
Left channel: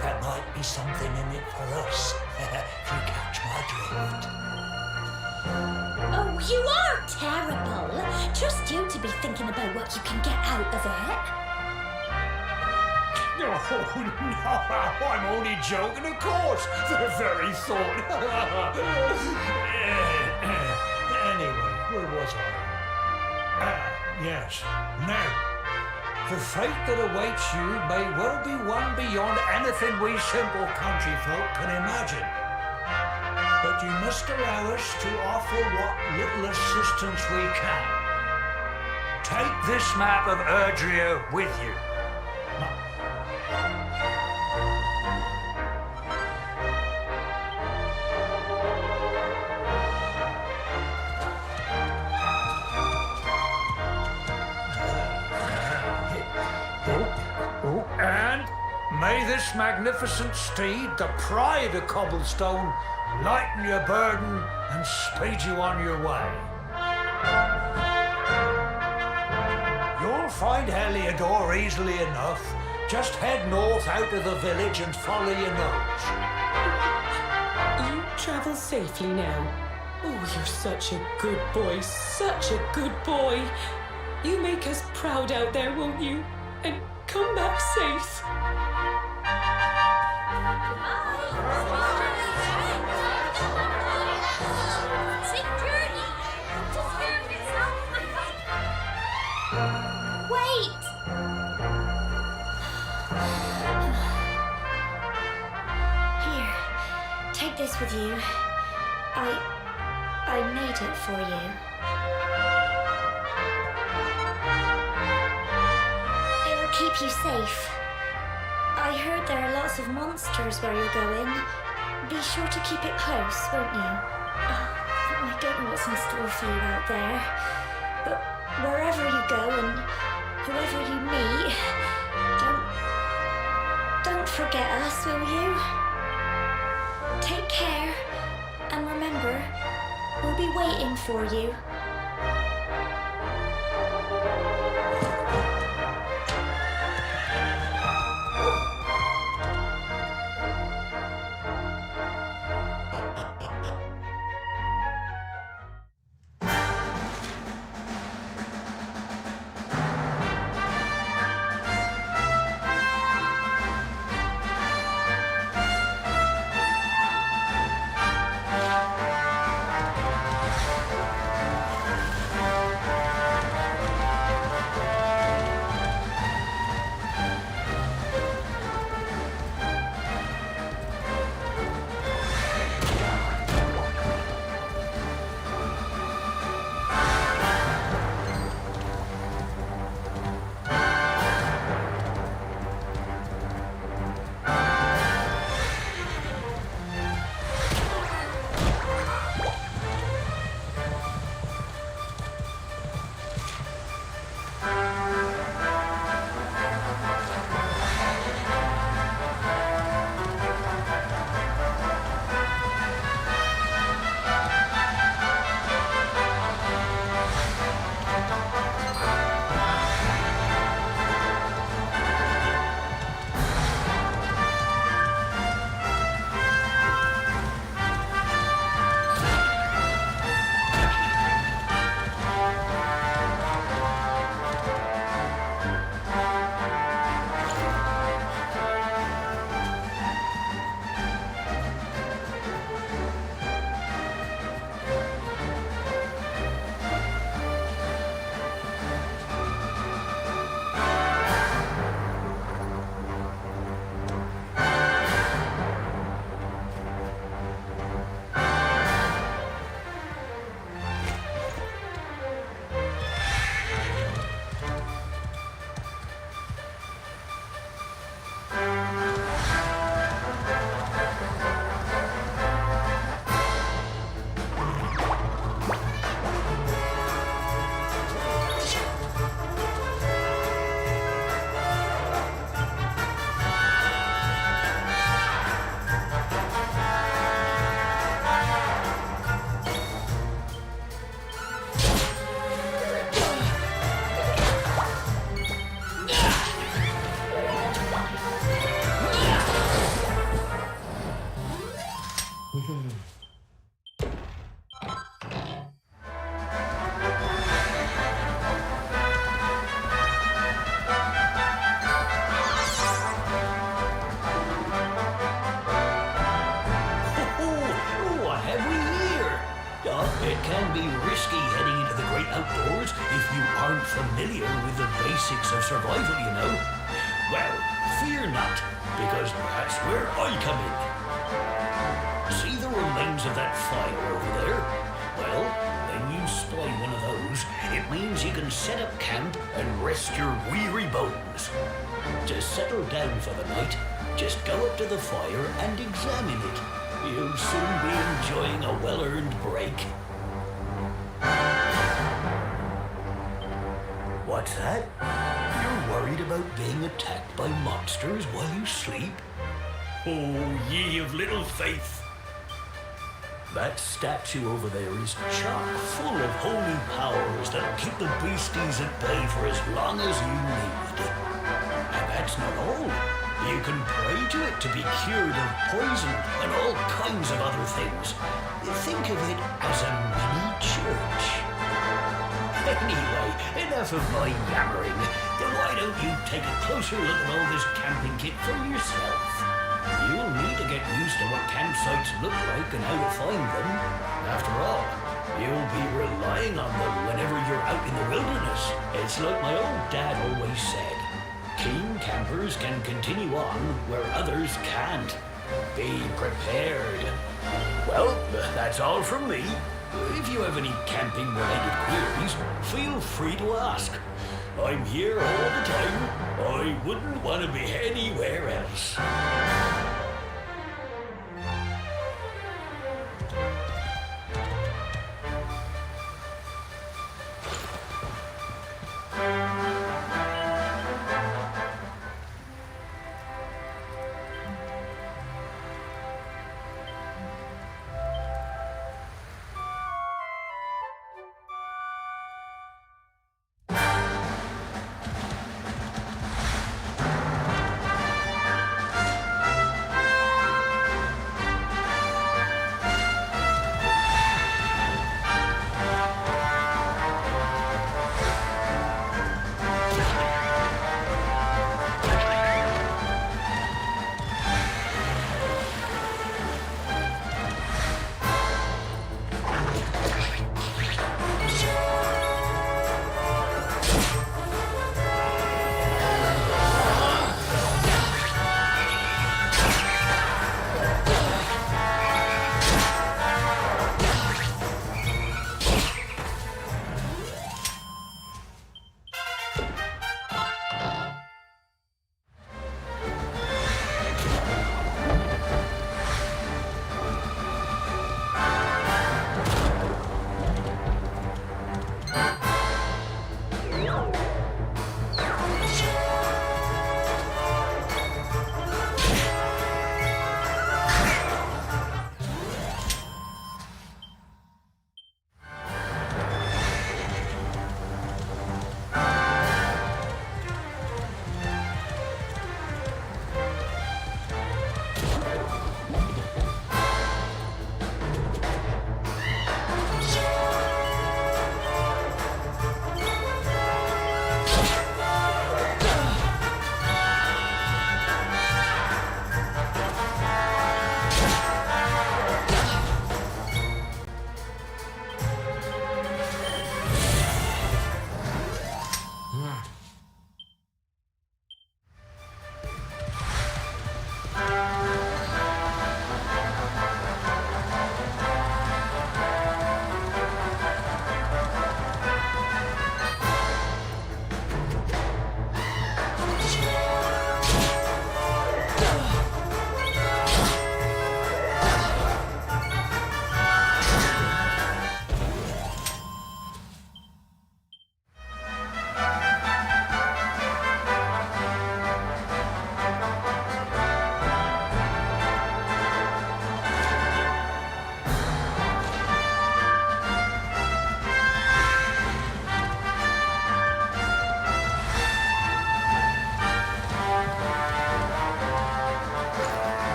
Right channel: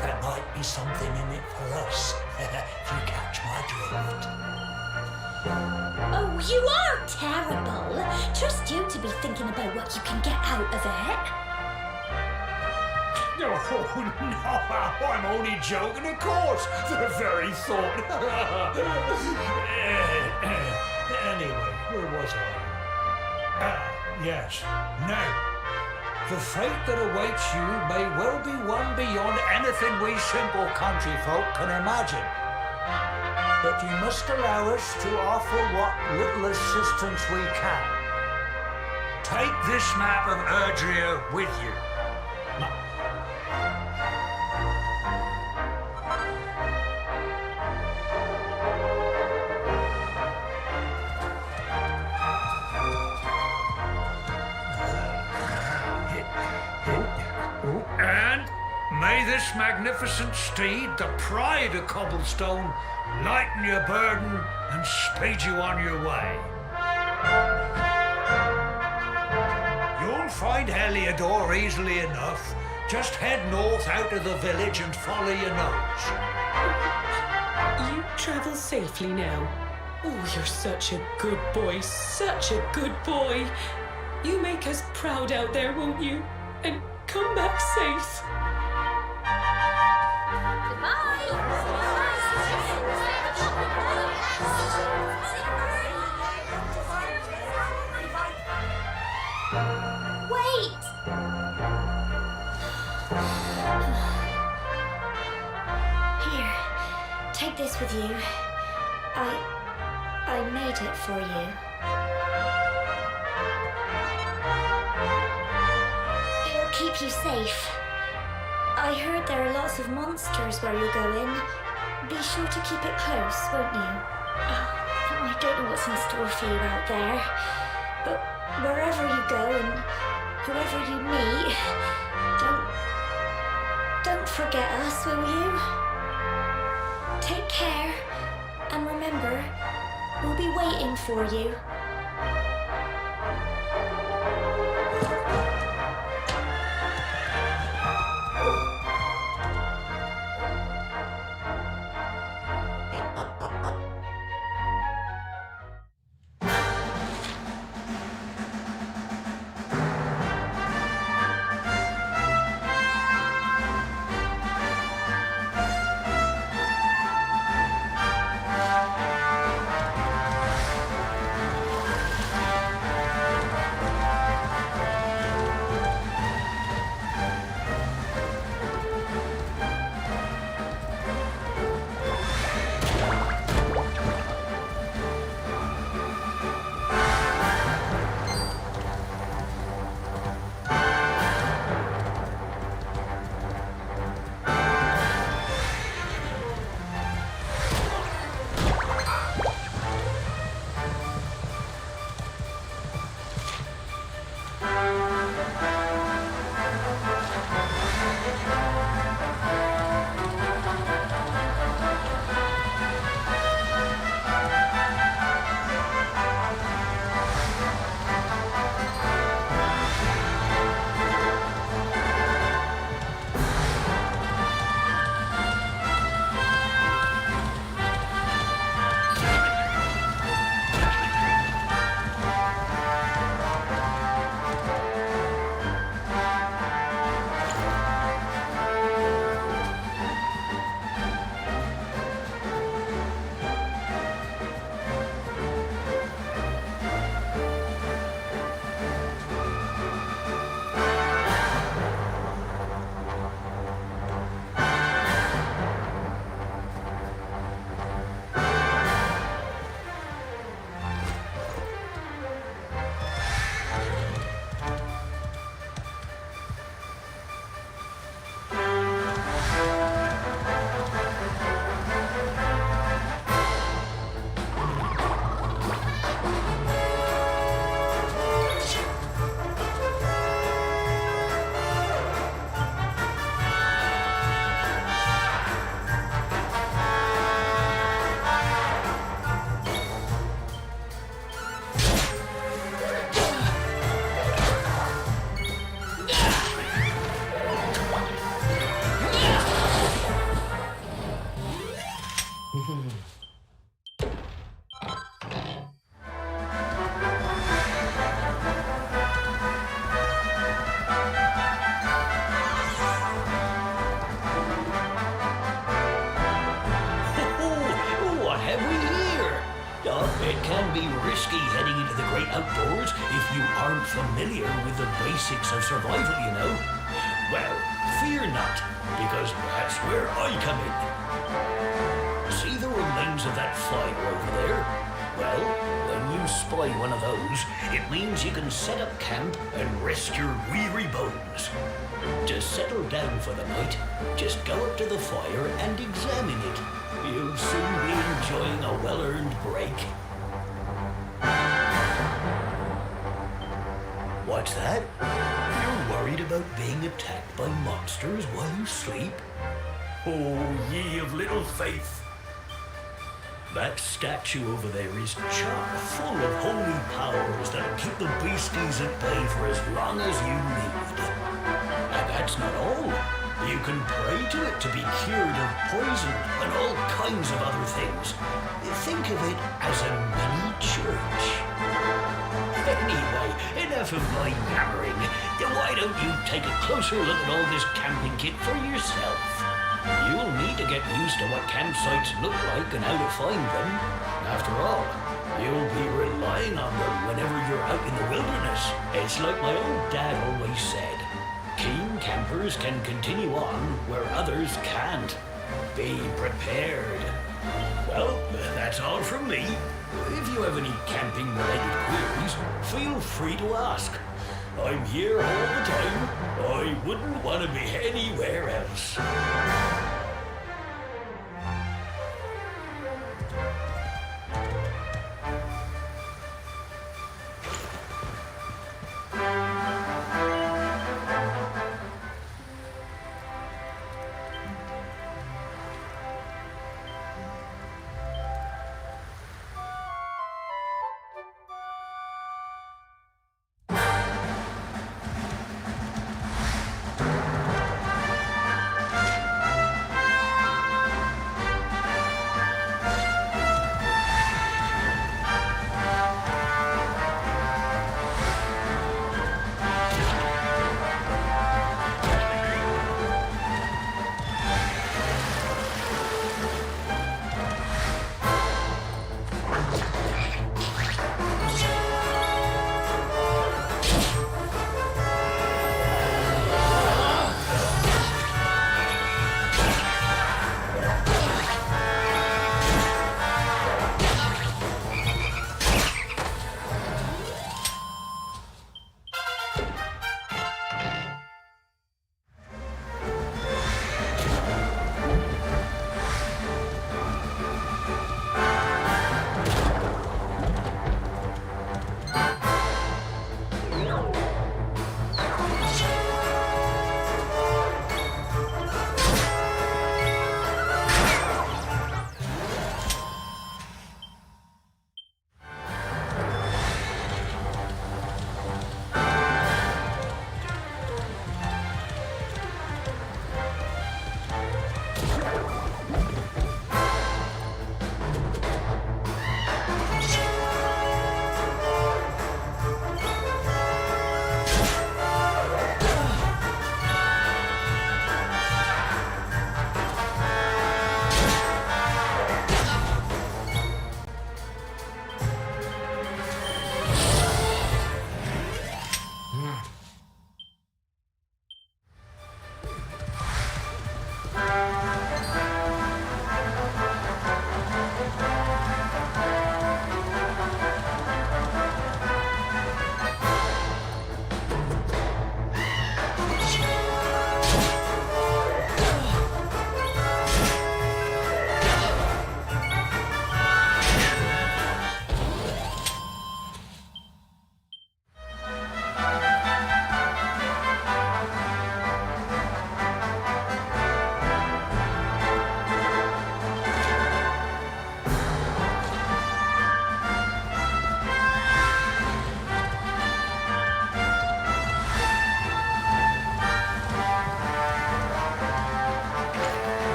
there might be something in it for us, if you catch my drift. Oh, you are terrible. Trust you to be thinking about what you can get out of it. Oh, no, I'm only joking, of course. The very thought. Anyway, where was I? Yes. Now, the fate that awaits you may well be one beyond anything we simple country folk can imagine. But you must allow us to offer what little assistance we can. Take this map of Erdrea with you. And may this magnificent steed, the pride of Cobblestone, lighten your burden and speed you on your way. You'll find Heliodor easily enough. Just head north out of the village and follow your nose. You travel safely now. Oh, you're such a good boy, such a good boy. You make us proud out there, won't you? And come back safe. Wait! Here, Take this with you. I made it for you. It'll keep you safe. I heard there are lots of monsters where you're going. Be sure to keep it close, won't you? I don't know what's in store for you out there, but wherever you go and whoever you meet, don't forget us, will you? Take care, and remember, we'll be waiting for you. What have we here? It can be risky heading into the great outdoors if you aren't familiar with the basics of survival, you know. Well, fear not, because that's where I come in. See the remains of that fire over there? Well, when you spy one of those, it means you can set up camp and rest your weary bones. To settle down for the night, just go up to the fire and examine it. You'll soon be enjoying a well-earned break. What's that? You're worried about being attacked by monsters while you sleep? Oh, ye of little faith! That statue over there is chock full of holy powers that'll keep the beasties at bay for as long as you need. And that's not all. You can pray to it to be cured of poison and all kinds of other things. Think of it as a mini church. Anyway, enough of my yammering. Why don't you take a closer look at all this camping kit for yourself? You'll need to get used to what campsites look like and how to find them. After all, you'll be relying on them whenever you're out in the wilderness. It's like my old dad always said. Keen campers can continue on where others can't. Be prepared. Well, that's all from me. If you have any camping-related queries, feel free to ask. I'm here all the time. I wouldn't want to be anywhere else.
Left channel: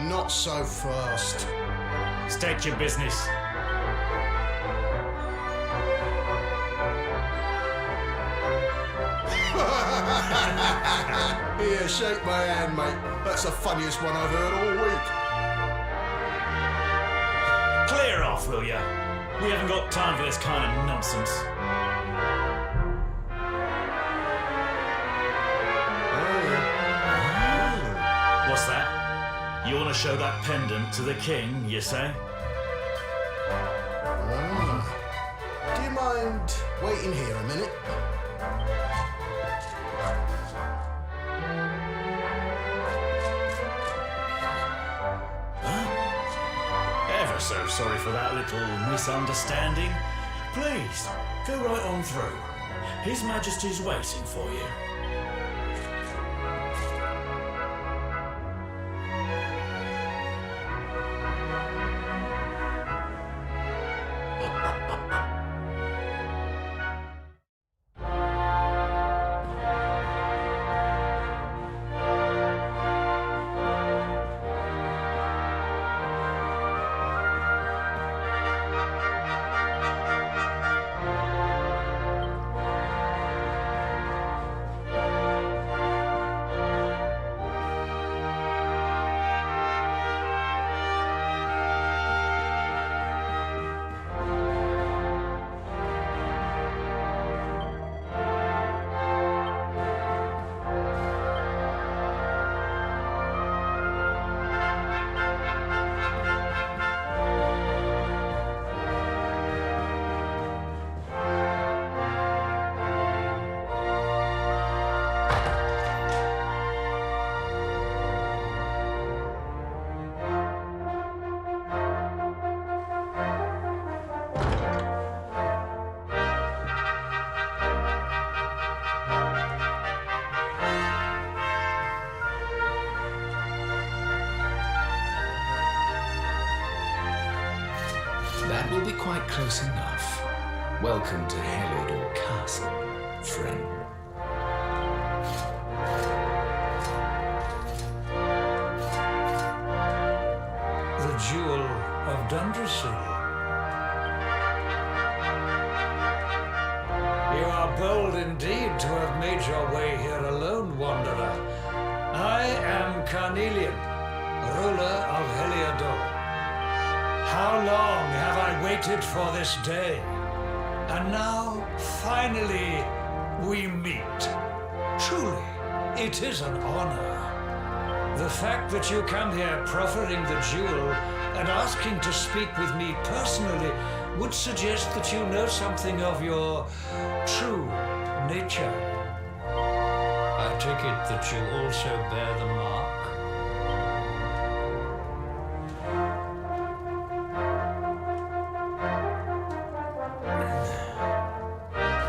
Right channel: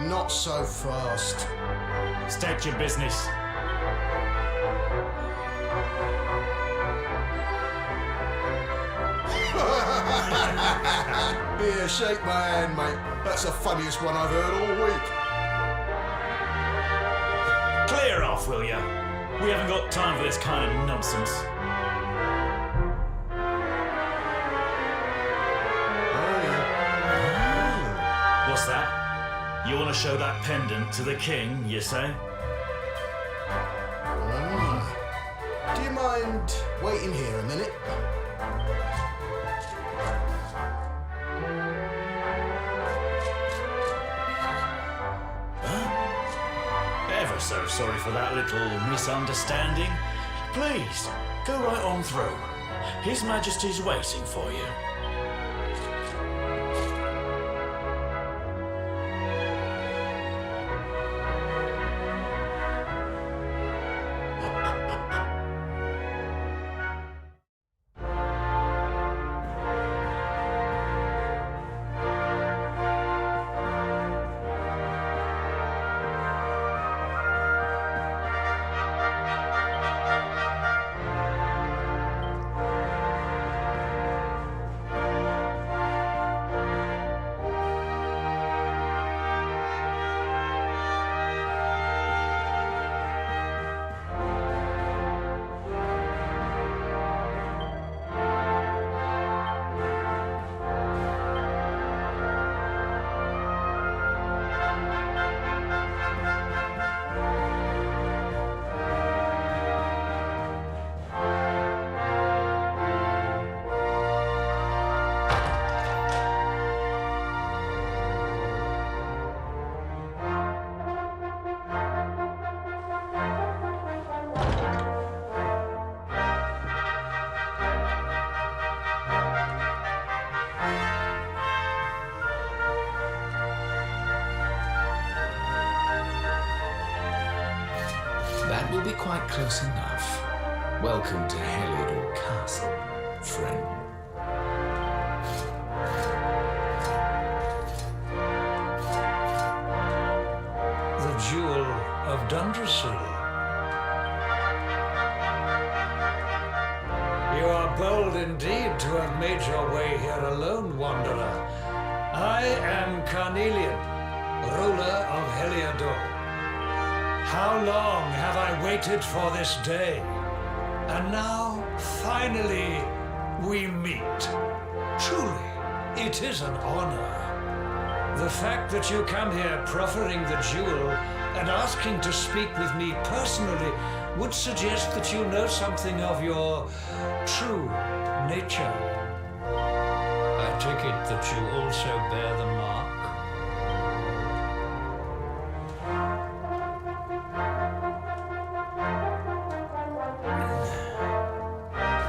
Not so fast. State your business. Here, shake my hand, mate. That's the funniest one I've heard all week. Clear off, will ya? We haven't got time for this kind of nonsense. Oh, yeah. What's that? You want to show that pendant to the king, you say? Do you mind waiting here a minute? Ever so sorry for that little misunderstanding. Please, go right on through. His Majesty's waiting for you. That will be quite close enough. Welcome to Heliodor Castle, friend. The Jewel of Dundrasil. You are bold indeed to have made your way here alone, Wanderer. I am Carnelian, ruler of Heliodor. How long have I waited for this day? And now, finally, we meet. Truly, it is an honor. The fact that you come here proffering the jewel and asking to speak with me personally would suggest that you know something of your true nature. I take it that you also bear the mark?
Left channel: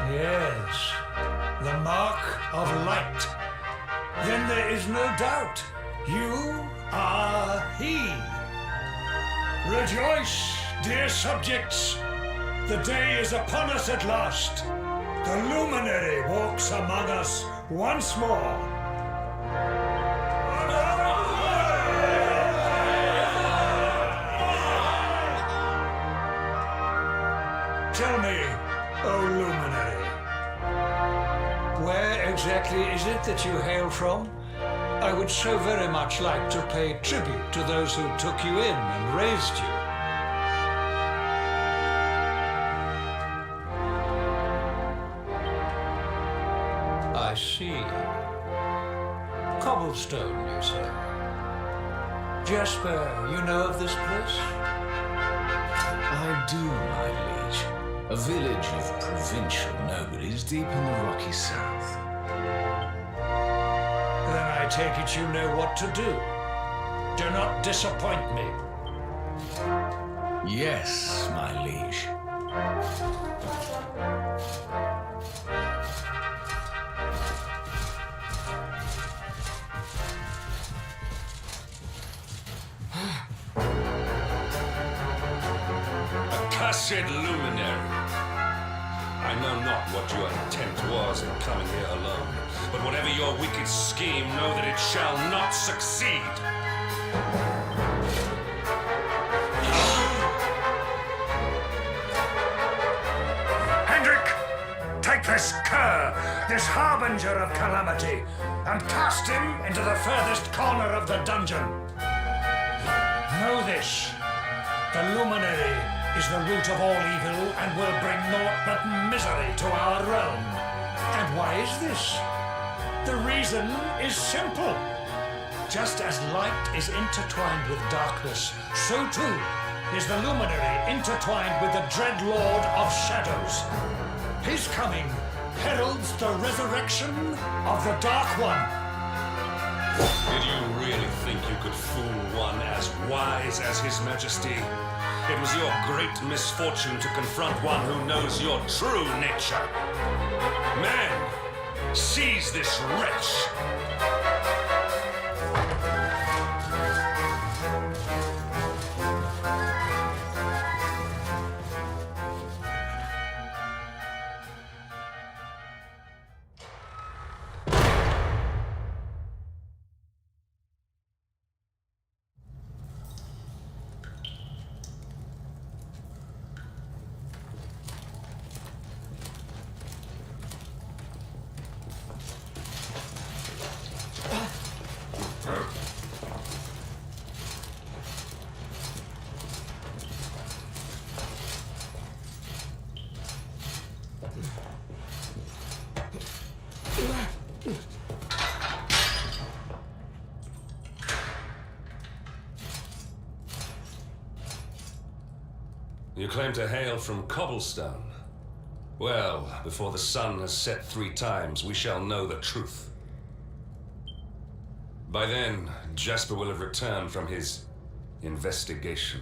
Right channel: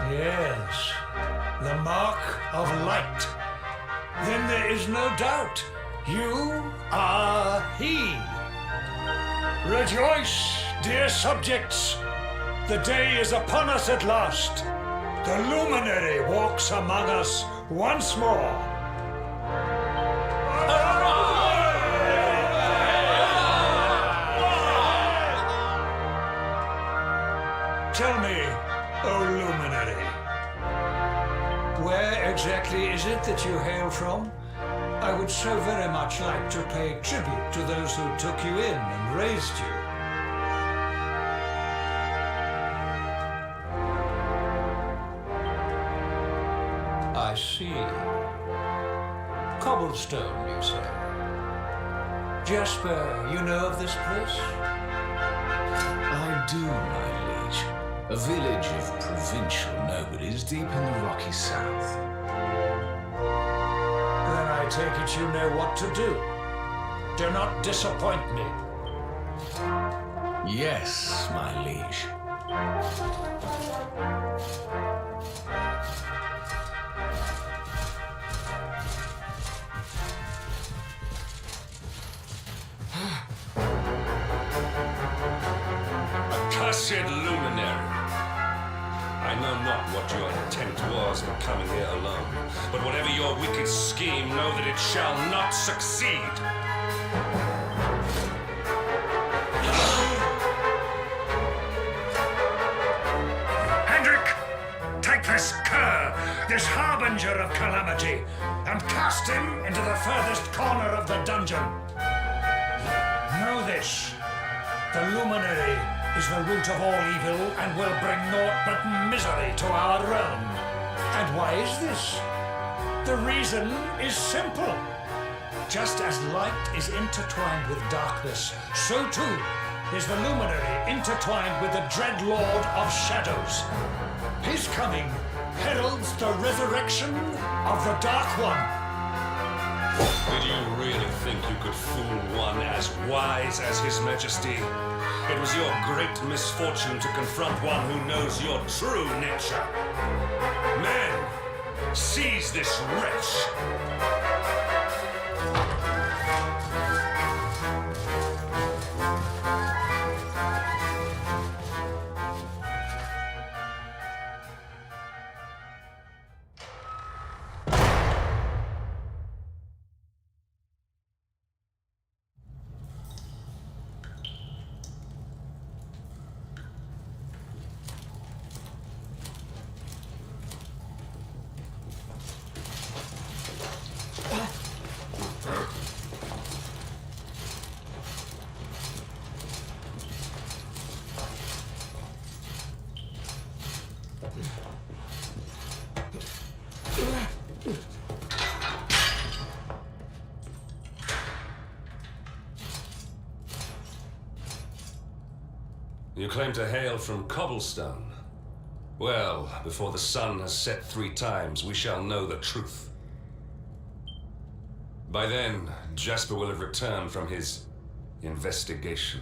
Yes, the mark of light. Then there is no doubt. You are he. Rejoice, dear subjects. The day is upon us at last. The luminary walks among us once more. Tell me, O luminary, where exactly is it that you hail from? I would so very much like to pay tribute to those who took you in and raised you. I see. Cobblestone, you say? Jasper, you know of this place? I do, my liege. A village of provincial nobodies deep in the rocky south. Then I take it you know what to do. Do not disappoint me. Yes, my liege. Accursed luminary! I know not what your intent was in coming here alone, but whatever your wicked scheme, know that it shall not succeed. this cur, this harbinger of calamity, and cast him into the furthest corner of the dungeon. Know this. The luminary is the root of all evil and will bring naught but misery to our realm. And why is this? The reason is simple. Just as light is intertwined with darkness, so too is the luminary intertwined with the dread lord of shadows. His coming heralds the resurrection of the Dark One. Did you really think you could fool one as wise as His Majesty? It was your great misfortune to confront one who knows your true nature. Men, seize this wretch! You claim to hail from Cobblestone. Well, before the sun has set 3 times, we shall know the truth. By then, Jasper will have returned from his investigation.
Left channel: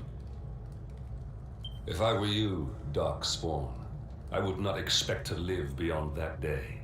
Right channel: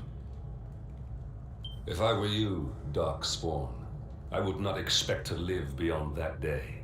If I were you, Darkspawn, I would not expect to live beyond that day.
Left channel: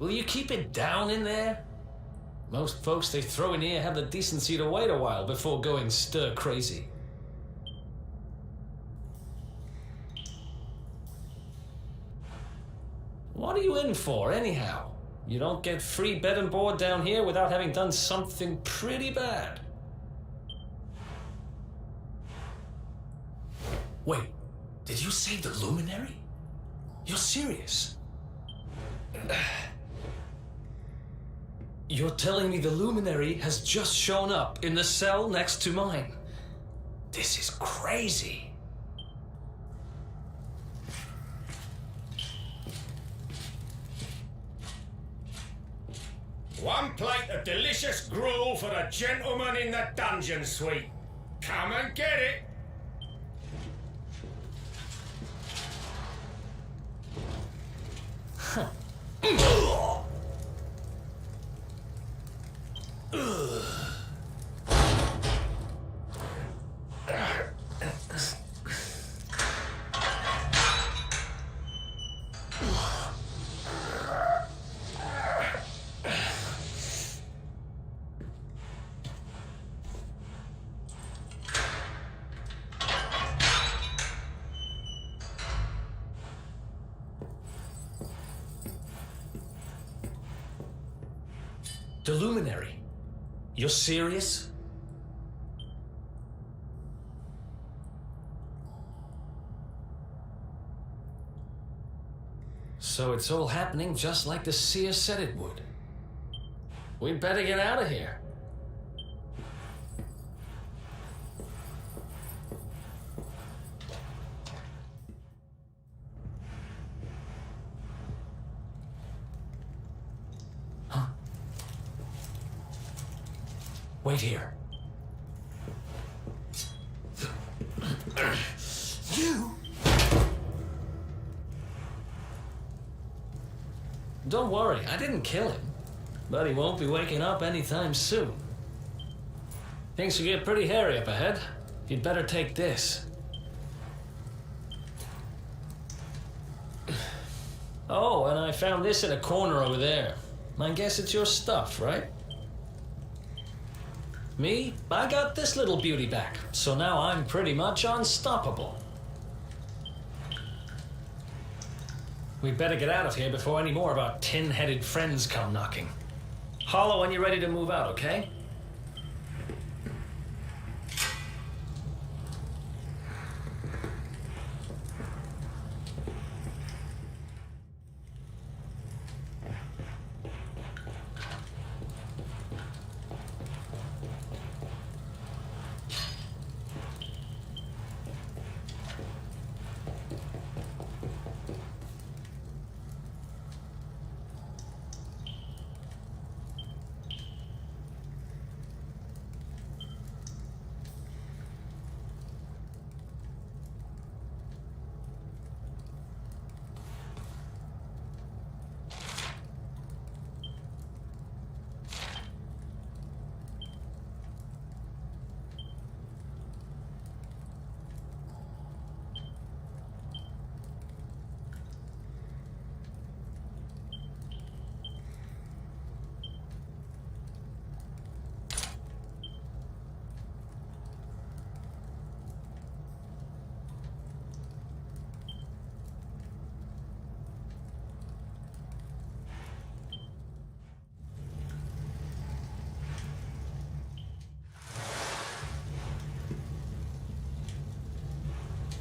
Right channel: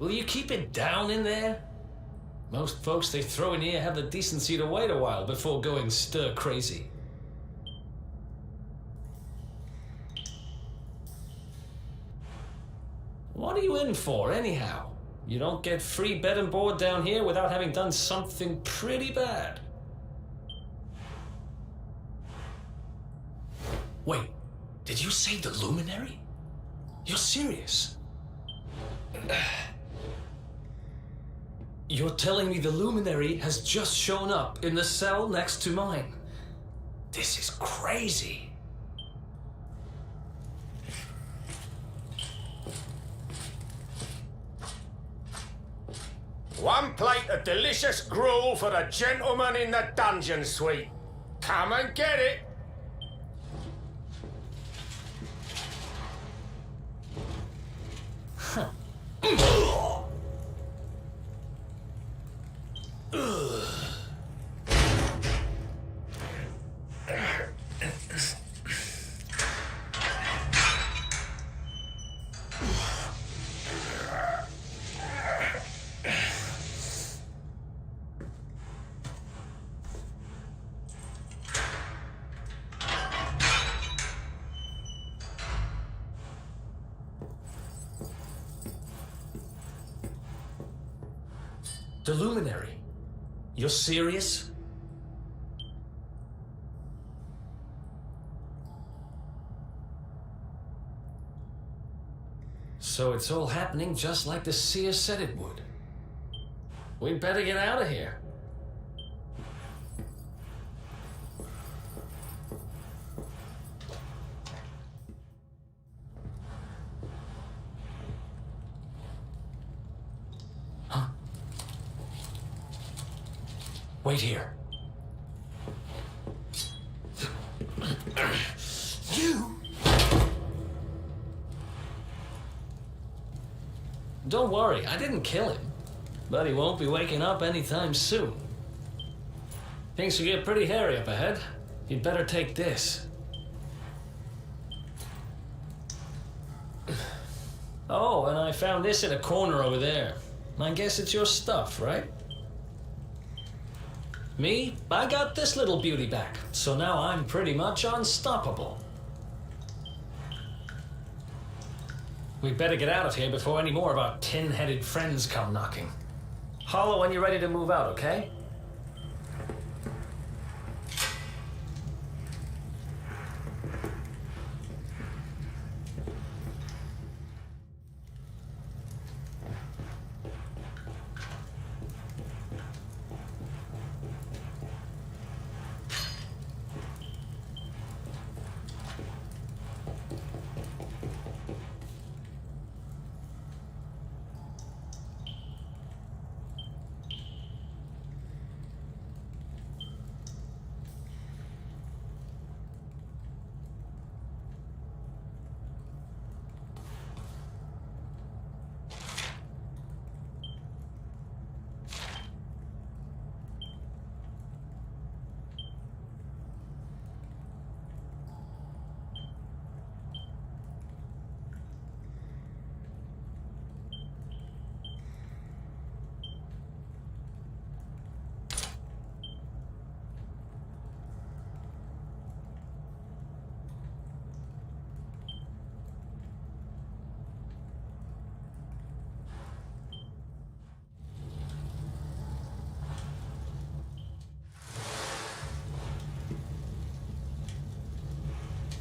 Will you keep it down in there? Most folks they throw in here have the decency to wait a while before going stir crazy. What are you in for, anyhow? You don't get free bed and board down here without having done something pretty bad. Wait, did you say the Luminary? You're serious? You're telling me the Luminary has just shown up in the cell next to mine? This is crazy. One plate of delicious gruel for the gentleman in the dungeon suite. Come and get it. The Luminary? You're serious? So it's all happening just like the seer said it would. We'd better get out of here. Wait here. Don't worry, I didn't kill him. But he won't be waking up anytime soon. Things will get pretty hairy up ahead. You'd better take this. Oh, and I found this in a corner over there. I guess it's your stuff, right? Me, I got this little beauty back, so now I'm pretty much unstoppable. We better get out of here before any more of our tin-headed friends come knocking. Hollow when you're ready to move out, okay?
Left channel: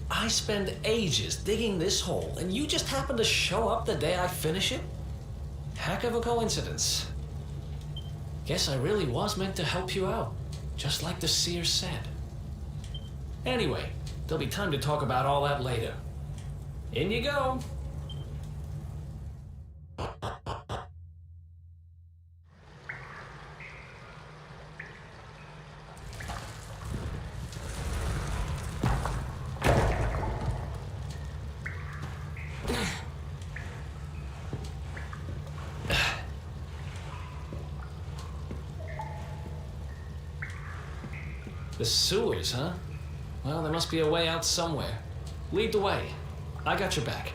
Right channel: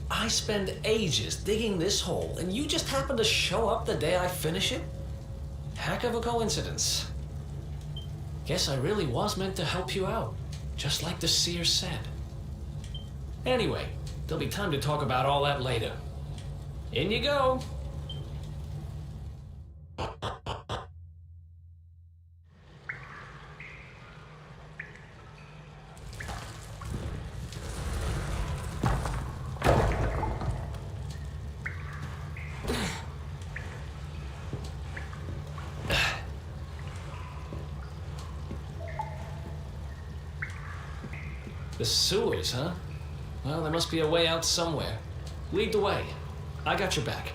I spend ages digging this hole, and you just happen to show up the day I finish it? Heck of a coincidence. Guess I really was meant to help you out, just like the seer said. Anyway, there'll be time to talk about all that later. In you go. The sewers, huh? Well, there must be a way out somewhere. Lead the way. I got your back.